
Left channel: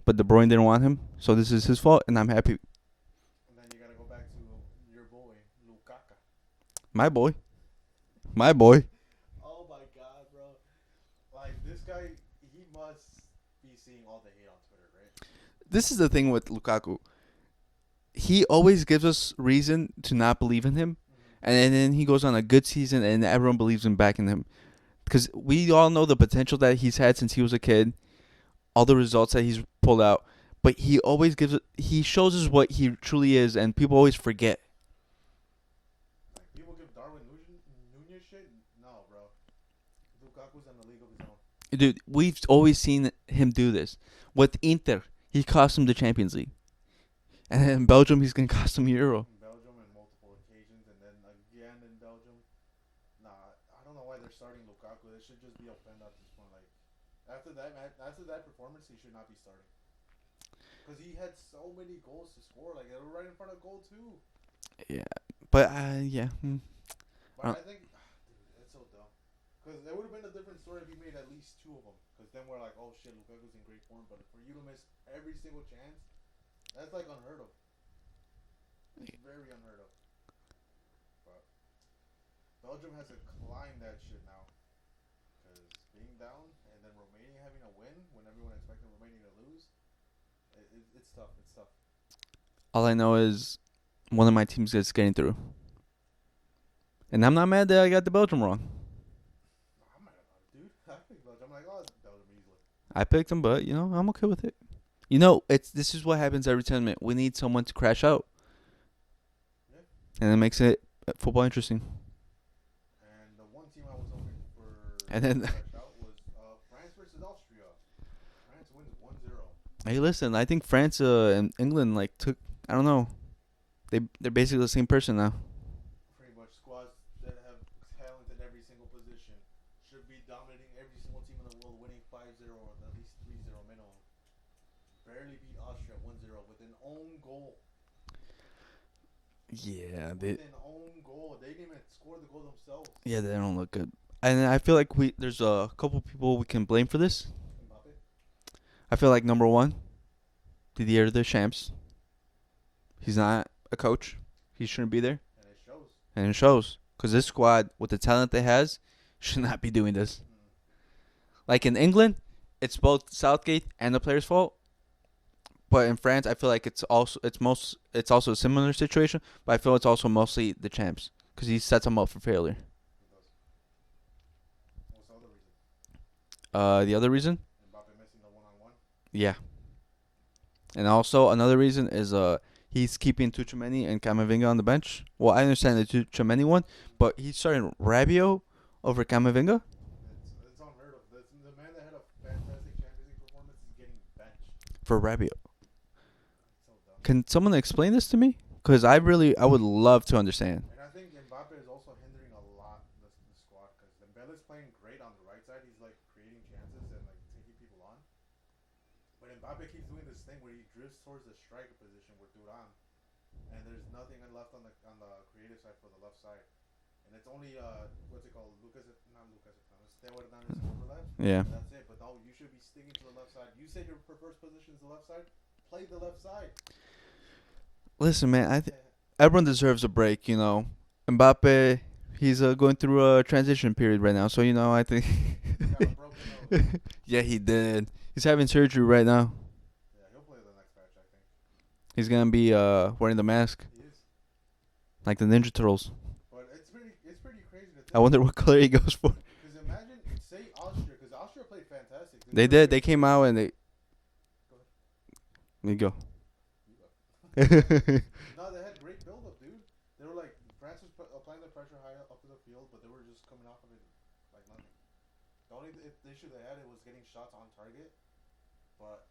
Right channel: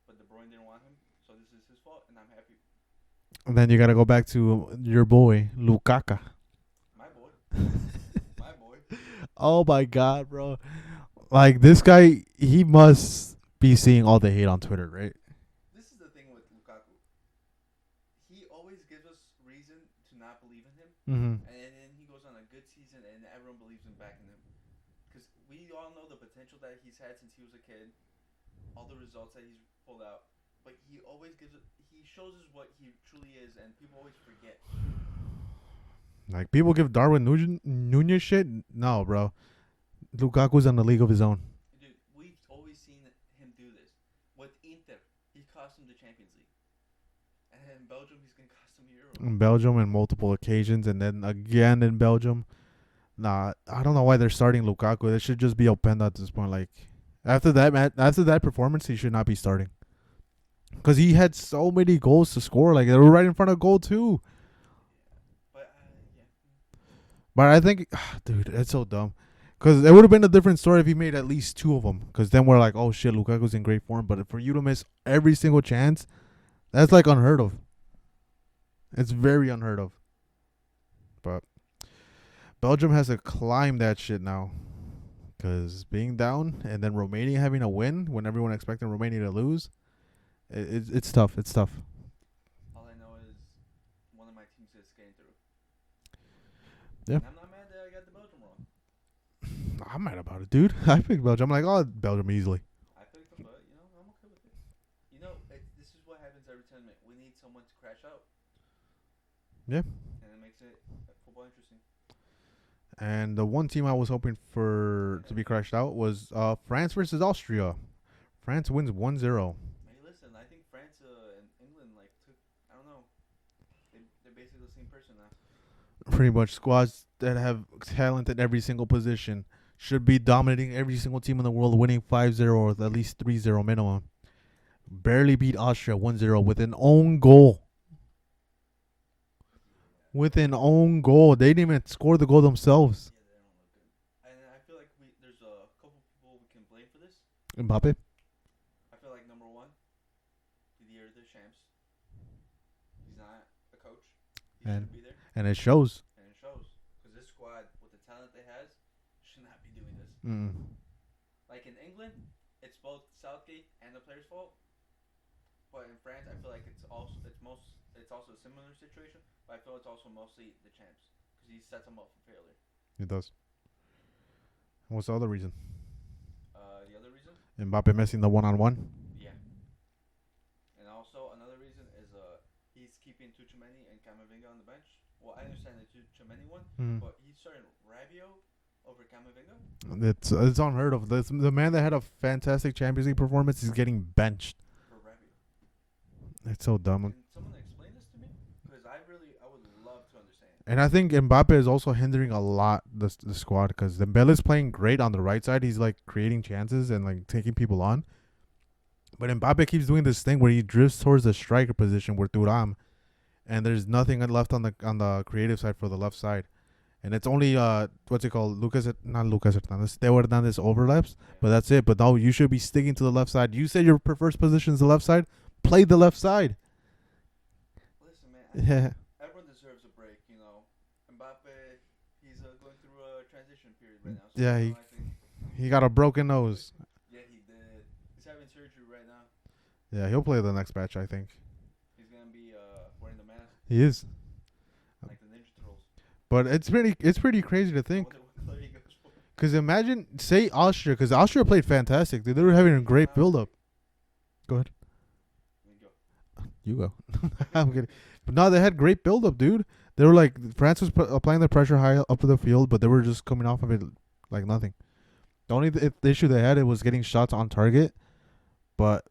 But De Bruyne didn't want him, so this is his fault, and I'm happy. And then you got to go back to your boy, Lukaku. My boy. My boy. Oh, my God, bro. Like, this guy, he must be seeing all the hate on Twitter, right? This is the thing with Lukaku. He always gives us reason to not believe in him. Mm-hmm. And then he goes on a good season, and everyone believes him back in him. Because we all know the potential that he's had since he was a kid. All the results that he's pulled out. But he always he shows us what he truly is, and people always forget. Like, people give Darwin Nunez shit? No, bro. Lukaku's in a league of his own. Dude, we've always seen him do this. With Inter, he cost him the Champions League. And in Belgium, he's going to cost him Euro. In Belgium on multiple occasions, and then again in Belgium. Nah, I don't know why they're starting Lukaku. It should just be Openda at this point. Like, after that performance, he should not be starting. Because he had so many goals to score. Like, they were right in front of goal, too. Yeah. But, yeah. But I think, dude, it's so dumb. Because it would have been a different story if he made at least 2 of them. Because then we're like, oh shit, Lukaku's in great form. But for you to miss every single chance, that's like unheard of. It's very unheard of. But Belgium has to climb that shit now. Because being down and then Romania having a win when everyone expecting Romania to lose, it's tough. It's tough. All I know is one of my teams is getting through. Yeah. And I'm not mad that I got the Belgium wrong. I'm mad about it, dude. I picked Belgium. I'm like, oh, Belgium easily. I picked them, but, I'm okay with it. This is what happens every tournament. We need someone to crash out. Yeah. And it makes it football interesting. And the one team I was hoping for to be crashed out was France versus Austria. France wins 1-0. Hey, listen, I think France and England, I don't know. They're basically the same person now. Pretty much squads that have talent at every single position should be dominating every single team in the world, winning 5-0 or at least 3-0 minimum. Barely beat Austria 1-0 with an own goal. Yeah. With an own goal. They didn't even score the goal themselves. Yeah, they don't look good. And I feel like there's a couple people we can blame for this. Mbappe? I feel like number one, Didier Deschamps. He's not a coach. He shouldn't be there. And it shows. And it shows. Because this squad, with the talent they has, should not be doing this. Like in England, it's both Southgate and the players' fault. But in France, I feel like it's also a similar situation. But I feel it's also mostly the champs because he sets them up for failure. He does. What's the other reason? The other reason? Mbappe missing the 1-on-1. Yeah. And also another reason is he's keeping Tchouaméni and Camavinga on the bench. Well, I understand the Tchouaméni one, but he's starting Rabiot over Camavinga. It's unheard of. The man that had a fantastic Champions League performance is getting benched for Rabiot. It's so dumb. Can someone explain this to me? Because I would love to understand. And I think Mbappe is also hindering a lot the squad because Dembele's playing great on the right side. He's like creating chances and like taking people on. But Mbappe keeps doing this thing where he drifts towards the striker position where Thuram, and there's nothing left on the creative side for the left side. And it's only what's it called? Not Lucas Hernandez. Theo Hernandez overlaps. Yeah. But that's it. But no, you should be sticking to the left side. You said your preferred position is the left side. Play the left side. Listen, man, everyone deserves a break, Mbappe, he's going through a transition period right now. So, I think he got a broken nose. Yeah, he did. He's having surgery right now. Yeah, he'll play the next match, I think. He's going to be wearing the mask. He is. Like the Ninja Turtles. But it's pretty crazy to think. I wonder what color he goes for. Because imagine, say Austria, because Austria played fantastic. They did. They came out and they... Go ahead. You go. You go. But no, they had great build-up, dude. They were like, France was applying the pressure high up the field, but they were just coming off of it like nothing. The only the issue they had was getting shots on target. But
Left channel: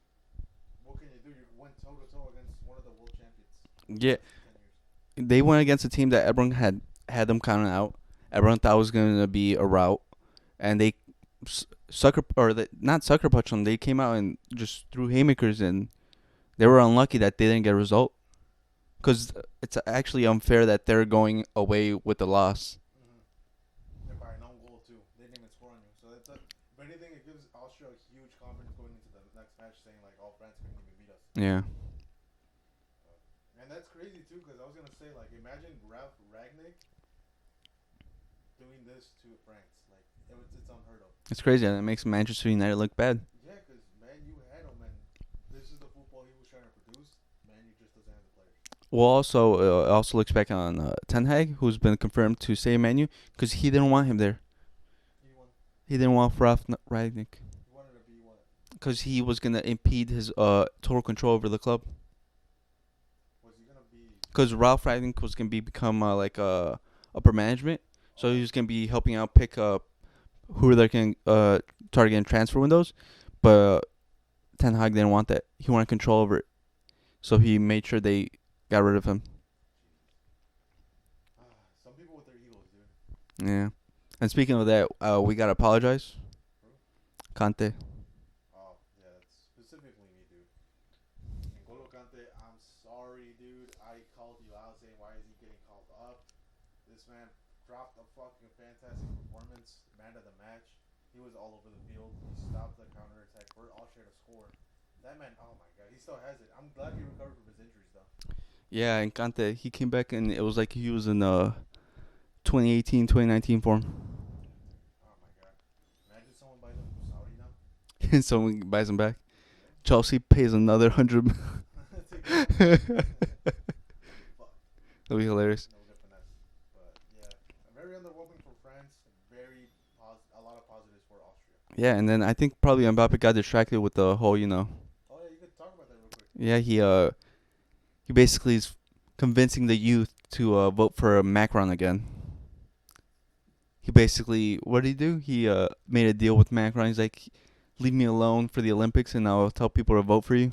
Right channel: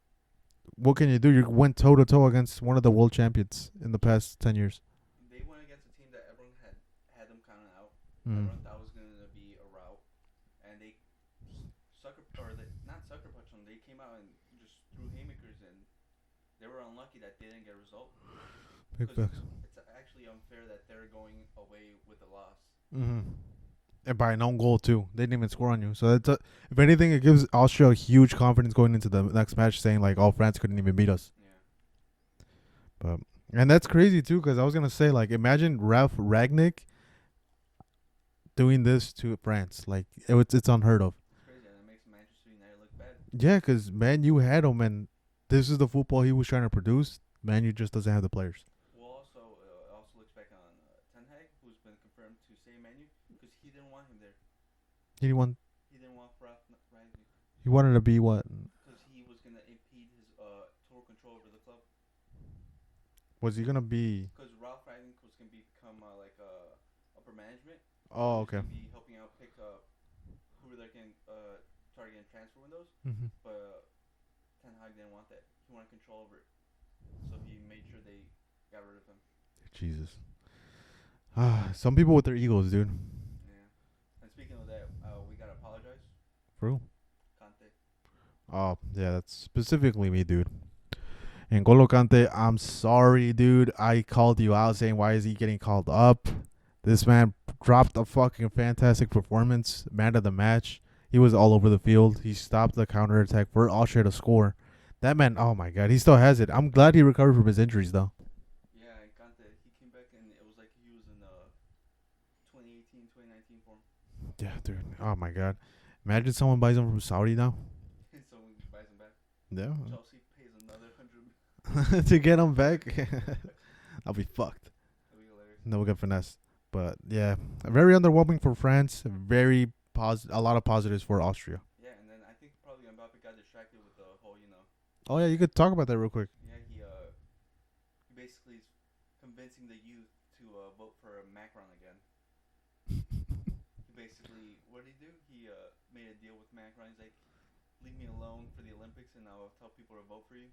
what can you do? You went toe-to-toe against one of the world champions in the past 10 years. They went against a team that everyone had them counted out. Everyone thought was going to be a rout. And they not sucker punched them. They came out and just threw haymakers, and they were unlucky that they didn't get a result. Because it's actually unfair that they're going away with the loss. And by an own goal, too. They didn't even score on you. So, if anything, it gives Austria huge confidence going into the next match, saying, like, oh, France couldn't even beat us. Yeah. And that's crazy, too, because I was going to say, like, imagine Ralph Ragnick doing this to France. Like, it's unheard of. It's crazy. And it makes Manchester United look bad. Yeah, because, man, you had him, and this is the football he was trying to produce. Man, you just doesn't have the players. Well, also looks back on Ten Hag, who's been confirmed to stay in Man U, because he didn't want him there. He didn't want Ralph Ragnick. He wanted to be what? Because he was going to impede his total control over the club. Was he going to be? Because Ralph Ragnick was going to become like upper management. So he was going to be helping out pick up who they can target in transfer windows. But Ten Hag didn't want that. He wanted control over it. So he made sure they got rid of him. Jesus. Some people with their egos, dude. Yeah. And speaking of that, we got to apologize. For who? Kante. Oh, yeah, that's specifically me, dude. N'Golo Kante, I'm sorry, dude. I called you out saying, why is he getting called up? This man dropped a fucking fantastic performance. Man of the match. He was all over the field. He stopped the counterattack for Austria to score. That man, oh my God, he still has it. I'm glad he recovered from his injuries, though. Yeah, and Kante, he came back and it was like he was in 2018, 2019 form. Yeah, dude. Oh my God. Imagine someone buys him from Saudi now. And someone buys him back. Yeah. Chelsea pays another 100 to get him back. I'll be fucked. That'll be hilarious. No, we'll get finesse. But yeah, very underwhelming for France. Very a lot of positives for Austria. Yeah, and then I think probably Mbappe got distracted with the whole, Oh yeah, you could talk about that real quick. Yeah, he basically is convincing the youth to vote for Macron again. He basically, what did he do? He made a deal with Macron. He's like, leave me alone for the Olympics and I'll tell people to vote for you.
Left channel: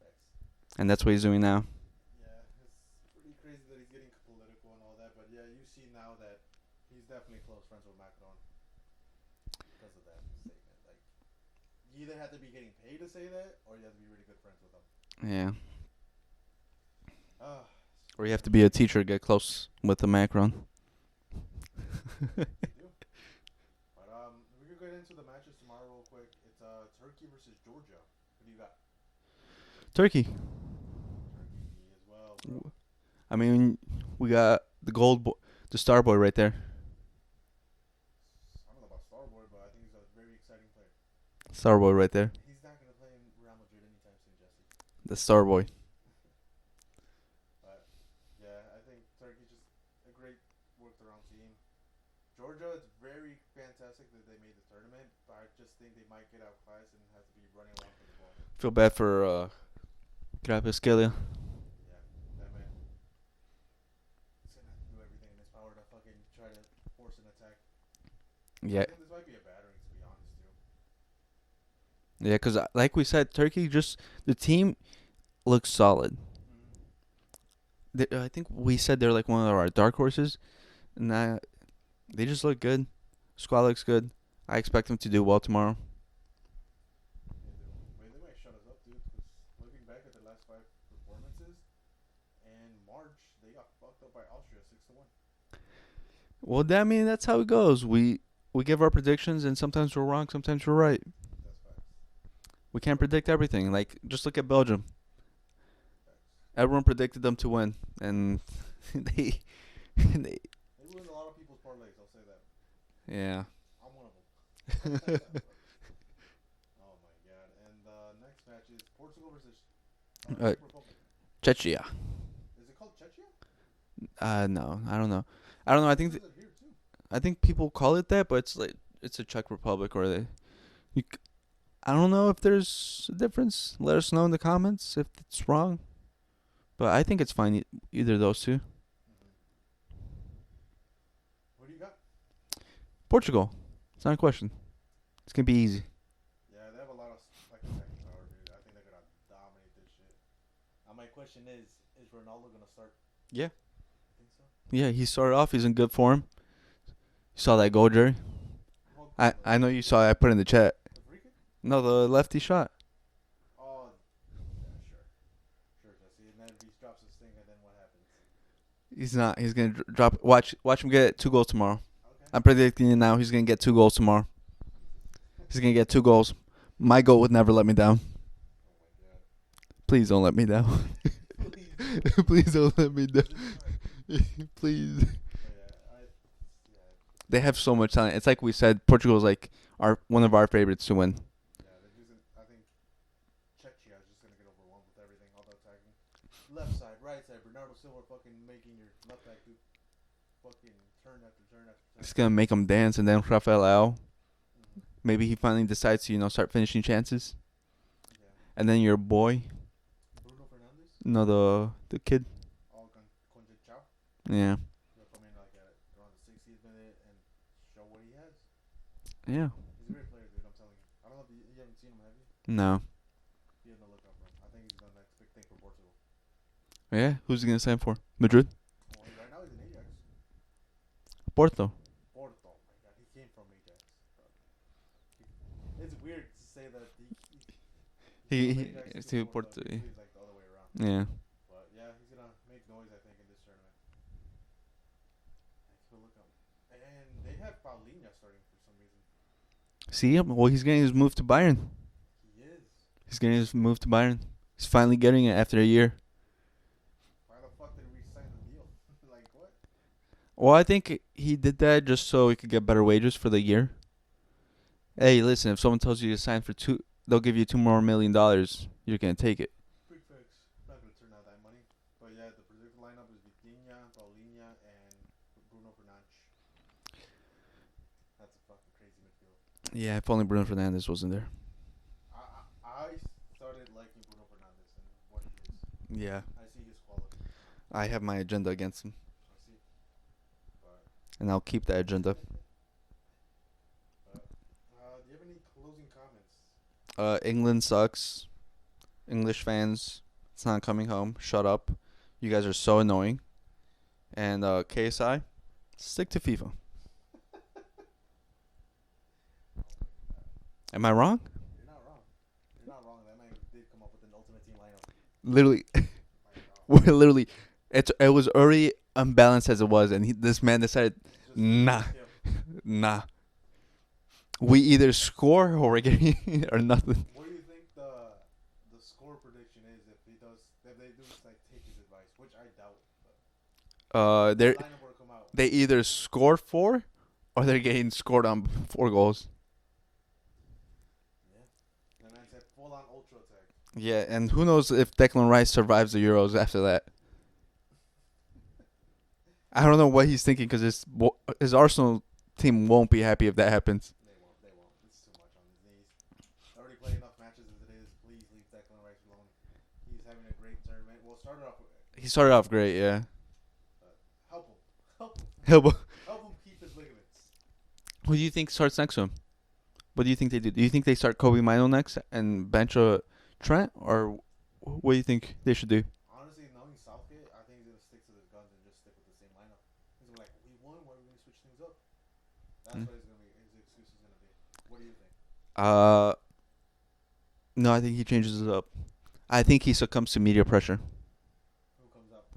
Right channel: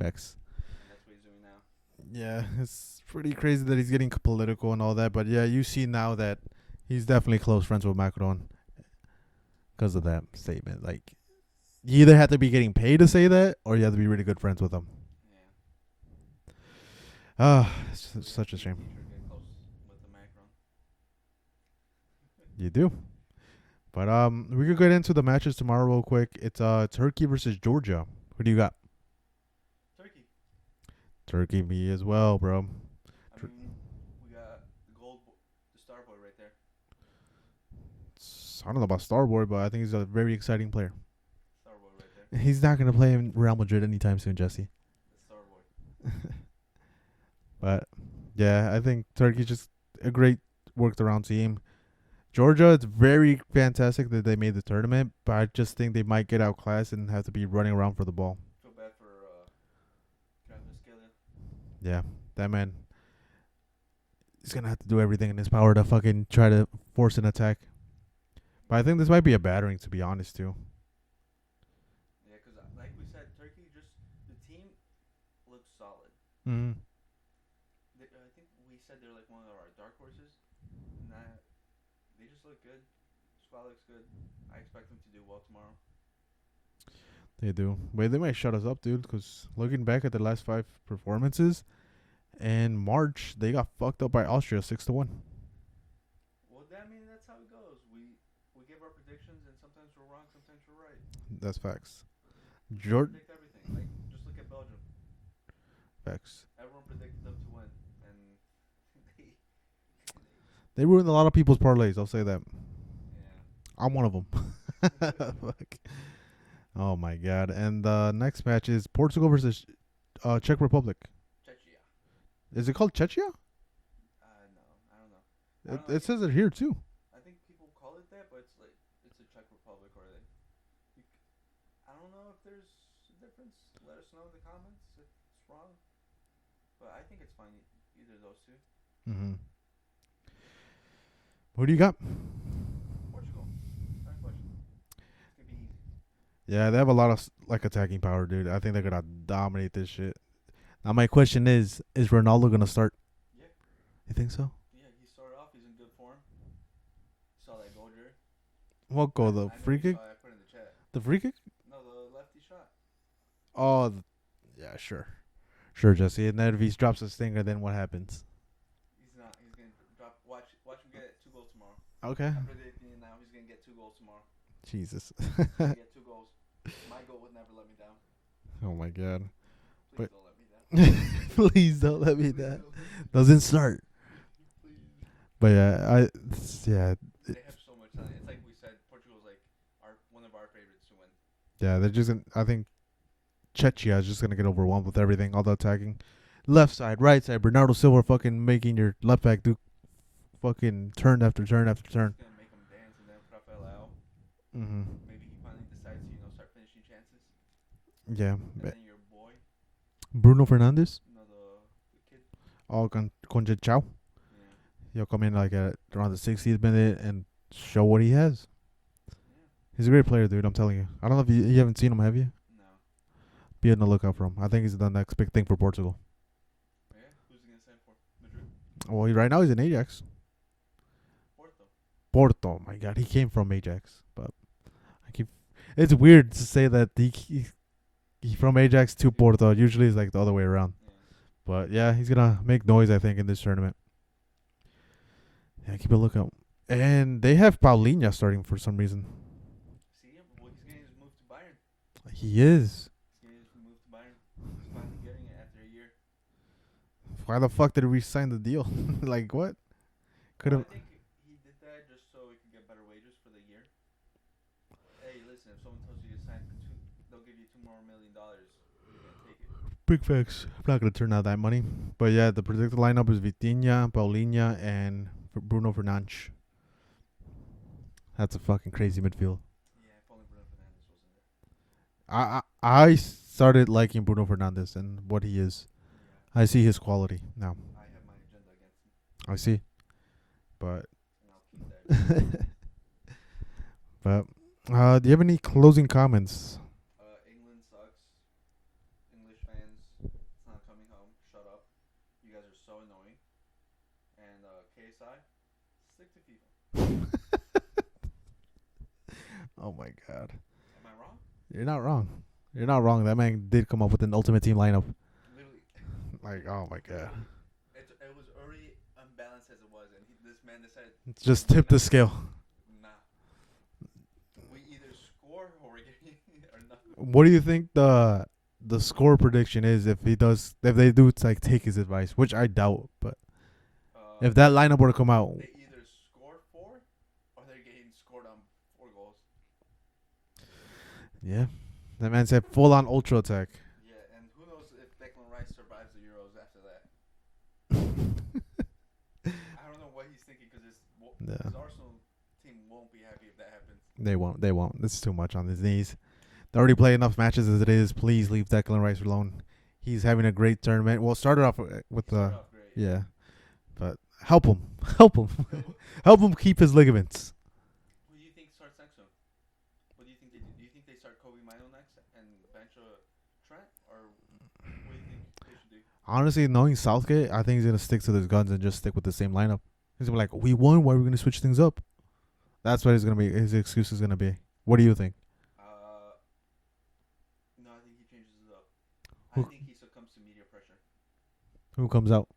Facts. And that's what he's doing now. Yeah, it's pretty crazy that he's getting political and all that. But yeah, you see now that he's definitely close friends with Macron because of that statement. Like, you either have to be getting paid to say that or you have to be really good friends with him. Yeah. Or you have to be a teacher to get close with the Macron. You do. But we could get into the matches tomorrow real quick. It's Turkey versus Georgia. Who do you got? Turkey. Turkey, me as well, bro. I mean, we got the star boy right there. I don't know about Starboy, but I think he's a very exciting player. Star boy right there. He's not gonna play in Real Madrid anytime soon, Jesse. The star boy. But yeah, I think Turkey's just a great worked around team. Georgia, it's very fantastic that they made the tournament, but I just think they might get outclassed and have to be running around for the ball. Feel bad for Kvaratskhelia. Yeah, that man. He's gonna have to do everything in his power to fucking try to force an attack. But I think this might be a battering, to be honest, too. Yeah, because like we said, Turkey the team looks solid. Mm-hmm. I think we said they're like one of our dark horses, and they just look good. Squad looks good. I expect them to do well tomorrow. They do. Wait, they might shut us up, dude, because looking back at the last 5 performances, in March, they got fucked up by Austria 6-1. Well, that's how it goes. We give our predictions, and sometimes we're wrong, sometimes we're right. That's facts. We can't predict everything. Like, just look at Belgium. Facts. Everyone predicted them to win, and they ruined a lot of people's parlays. I'll say that. Yeah. I'm one of them. Oh my God! And the next match is Portugal versus Czech Republic. Czechia. Is it called Czechia? No, I don't know. I think it says it here too. I think people call it that, but it's a Czech Republic, or I don't know if there's a difference. Let us know in the comments if it's wrong. But I think it's fine, either of those two. Mm-hmm. Who do you got? Portugal. It's not a question. It's going to be easy. Yeah, they have a lot of attacking power, dude. I think they're going to dominate this shit. Now my question is Ronaldo going to start? Yeah. You think so? Yeah, he started off. He's in good form. You saw that goal, Jerry? What goal? I know you saw it. I put it in the chat. The free kick? No, the lefty shot. Oh, yeah, sure. Sure, Jesse. And then if he drops a stinger, then what happens? He's not. He's going to drop. Watch him get 2 goals tomorrow. Okay. I'm predicting it now. He's going to get 2 goals tomorrow. Jesus. He's going to get 2 goals. My goal would never let me down. Oh, my God. Please don't let me down. Please don't let me Please down. don't let me down. Doesn't start. Please. But yeah, They have so much talent. It's like we said, Portugal's like one of our favorites to win. Yeah, they're just I think Czechia is just gonna get overwhelmed with everything, all the attacking. Left side, right side, Bernardo Silva fucking making your left back do fucking turn after turn after turn. It's gonna make them dance, and then Rafael Leao. Mm-hmm. Maybe he finally decides to start finishing chances. Yeah. And then your boy, Bruno Fernandes. No, the kid. Oh, Conchechao. Yeah. He'll come in like at around the 60th minute and show what he has. Yeah. He's a great player, dude. I'm telling you. I don't know if you haven't seen him, have you? No. Be on the lookout for him. I think he's the next big thing for Portugal. Yeah. Who's he gonna sign for? Madrid. Well, right now he's in Ajax. Porto. Porto. My God, he came from Ajax, but it's weird to say that he's from Ajax to Porto. Usually it's like the other way around. Yeah. But yeah, he's gonna make noise, I think, in this tournament. Yeah, keep a lookout. And they have Paulinho starting for some reason. See, well, he's getting his move to Bayern. He is. He's getting his move to Bayern. He's finally getting it after a year. Why the fuck did we sign the deal? Like what? Well, I think he did that just so he could get better wages for the year. Hey, listen, if someone tells you to sign for they'll give you $2 more million. You're gonna take it. Big facts. I'm not gonna turn out that money. But yeah, the predicted lineup is Vitinha, Paulinho, and Bruno Fernandes. That's a fucking crazy midfield. Yeah, if only Bruno Fernandes wasn't there. I started liking Bruno Fernandes and what he is. Yeah. I see his quality now. I have my agenda against him. I see. But And I'll keep that agenda. do you have any closing comments? England sucks. English fans, it's not coming home. Shut up. You guys are so annoying. And KSI, stick to FIFA. Oh my god. Am I wrong? You're not wrong. You're not wrong. That man did come up with an ultimate team lineup. Literally. Like, oh my God. Literally. It was already unbalanced as it was, and this man decided, Just tip the scale. nah. We either score or we're getting or nothing. What do you think the score prediction is if they do like take his advice, which I doubt, but if that lineup were to come out, they either score 4 or they're getting scored on 4 goals. yeah, that man said full on ultra attack. Yeah, and who knows if Declan Rice survives the Euros after that. I don't know what he's thinking because his Arsenal team won't be happy if that happens. They won't. This is too much on his knees. They already play enough matches as it is. Please leave Declan Rice alone. He's having a great tournament. Well, started off Great, yeah. But help him. Help him keep his ligaments. Who do you think starts next to him? What do you think they do? Do you think they start Kobe Mino next and bench Trent, or what do you think they should do? Honestly, knowing Southgate, I think he's gonna stick to his guns and just stick with the same lineup. He's gonna be like, "We won. Why are we gonna switch things up?" That's what his excuse is gonna be. What do you think? No, I think he changes it up. I think he succumbs to media pressure. Who comes out?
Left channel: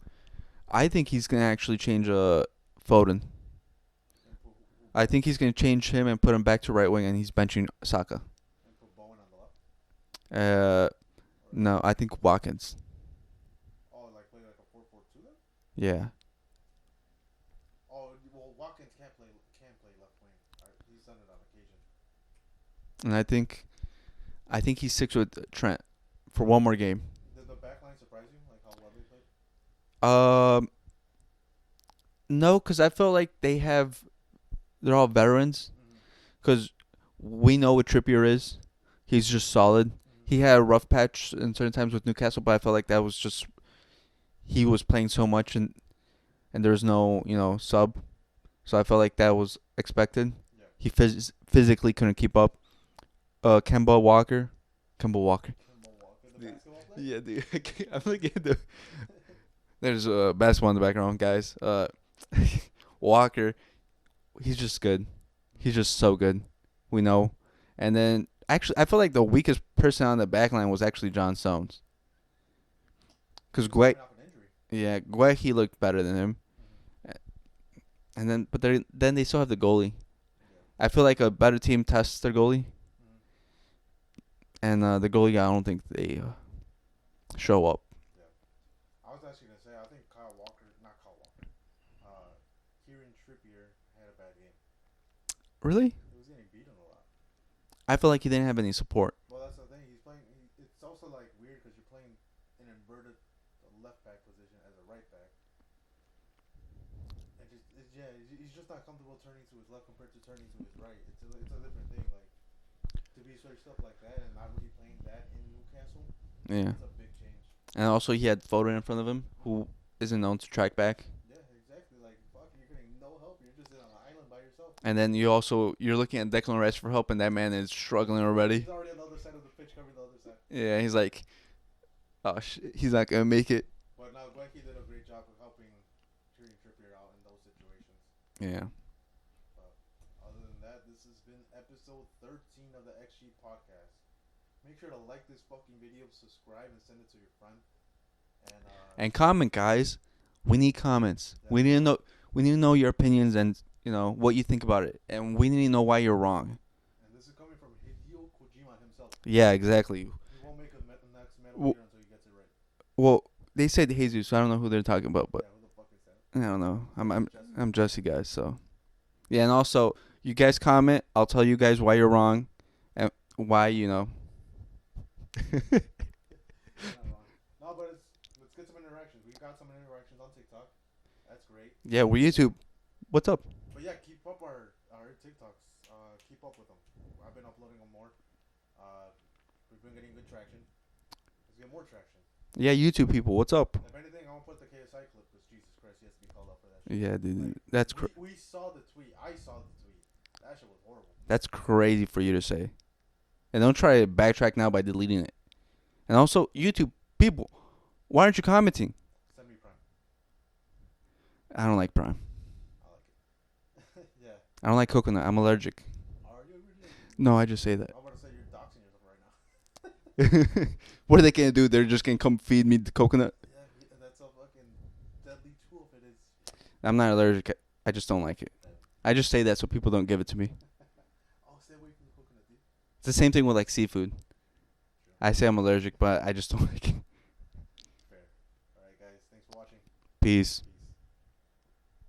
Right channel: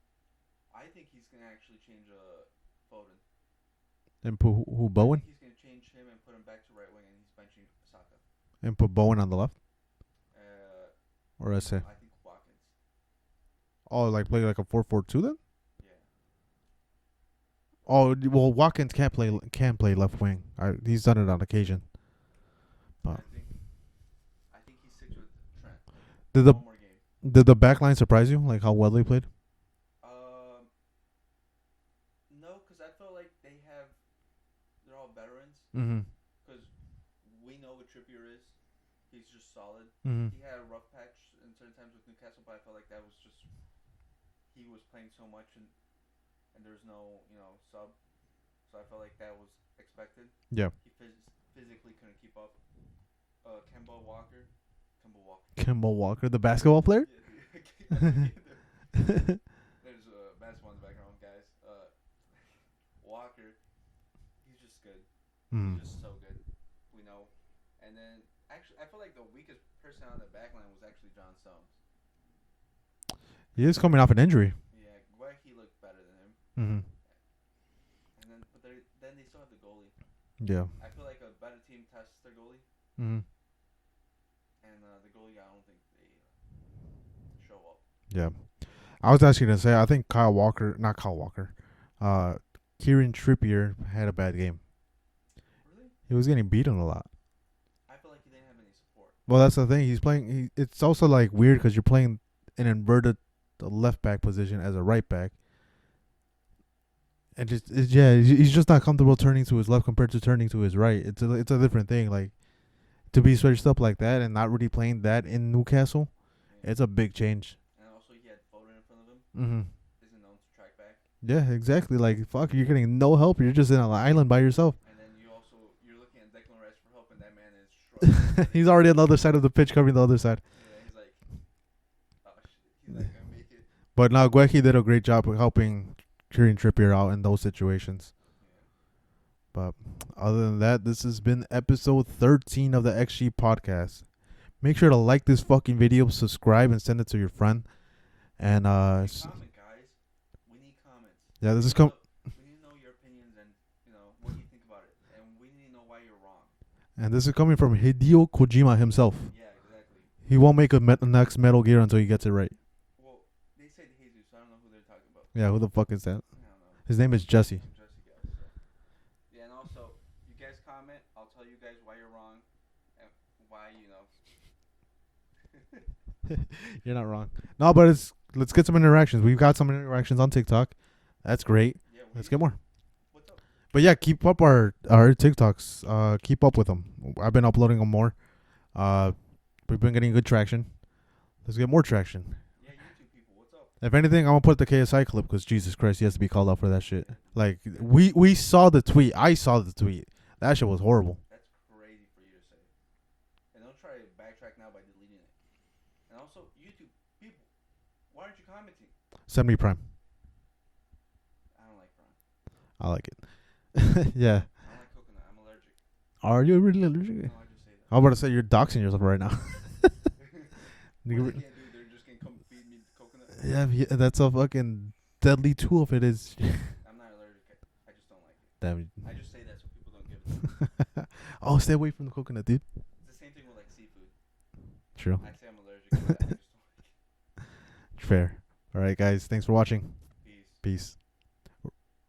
I think he's gonna actually change Foden. And put who? I Bowen? think he's gonna change him and put him back to right wing, and he's benching Saka. And put Bowen on the left. Or No, I think Watkins. Oh, like play like a 4-4-2 then? Yeah. Oh well, Watkins can't play left wing. He's done it on occasion. And I think he sticks with Trent Did for one more game. Did the back line surprise you? Like how well they played? No, because I feel like they're all veterans. Mm-hmm. Because we know what Trippier is. He's just solid. Mm-hmm. He had a rough patch in certain times with Newcastle, but I felt like that was just he was playing so much and there was no sub, so I felt like that was expected. Yeah. He physically couldn't keep up. Kemba Walker, the basketball player. Yeah, dude. I feel like there's a basketball in the background, guys. Walker, he's just good. Mm. He's just so good. We know. And then actually, I feel like the weakest person on the back line was actually John Stones. He's coming off an injury. Yeah, he looked better than him. Mm-hmm. And then they still have the goalie. Yeah. I feel like a better team tests their goalie. Mm-hmm. And the goalie, I don't think they show up. Yeah. I was actually going to say, I think Kieran Trippier had a bad game. Really? He was getting beaten a lot. I feel like he didn't have any support. Well, that's the thing. He's playing. It's also like weird because you're playing an inverted left back position as a right back. And he's just not comfortable turning to his left compared to turning to his right. It's a different thing. Like to be switched up like that and not really playing that in Newcastle. Yeah. It's a big change. And also he had Foden in front of him, who isn't known to track back. Yeah, exactly. Like fuck, you're getting no help. You're just in an island by yourself. And then you're looking at Declan Rice for help, and that man is struggling already. He's already on the other side of the pitch, covering the other side. Yeah, he's like, oh shit, he's not gonna make it. But now Guehi did a great job of helping Kieran Trippier out in those situations. Yeah. But other than that, this has been episode 13 of the XG podcast. Make sure to like this fucking video, subscribe, and send it to your friend. And comment, guys. We need comments. Yeah, we need to know. We need to know your opinions and what you think about it, and we need to know why you're wrong. And this is coming from Hideo Kojima himself. Yeah, exactly. He won't make a next Metal Gear until he gets it right. Well, they said Jesus, so I don't know who they're talking about. But Yeah, who the fuck is that? I don't know. His name is Jesse. I'm Jesse, guys. So, yeah, and also you guys comment. I'll tell you guys why you're wrong, and why You're not wrong. No, but let's get some interactions. We've got some interactions on TikTok. That's great. Yeah, we YouTube. What's up? But yeah, keep up our TikToks. Keep up with them. I've been uploading them more. We've been getting good traction. Let's get more traction. Yeah, YouTube people, what's up? If anything, I'm gonna put the KSI clip because Jesus Christ, he has to be called out for that shit. Yeah, dude. Like we saw the tweet. I saw the tweet. That shit was horrible. That's crazy for you to say. And don't try to backtrack now by deleting it. And also, YouTube people, why aren't you commenting? Send me Prime. I don't like Prime. I like it. Yeah. I don't like coconut. I'm allergic. Are you really allergic? No, I just say that. I'm about to say you're doxing yourself right now. What are they gonna do? They're just gonna come feed me the coconut? Yeah, that's a fucking deadly tool if it is. I'm not allergic. I just don't like it. Damn. I just say that so people don't give it to me. Oh, stay away from the coconut, dude. It's the same thing with like seafood. True. I say I'm allergic, but I just don't like it. Fair. All right, guys. Thanks for watching. Peace. Peace.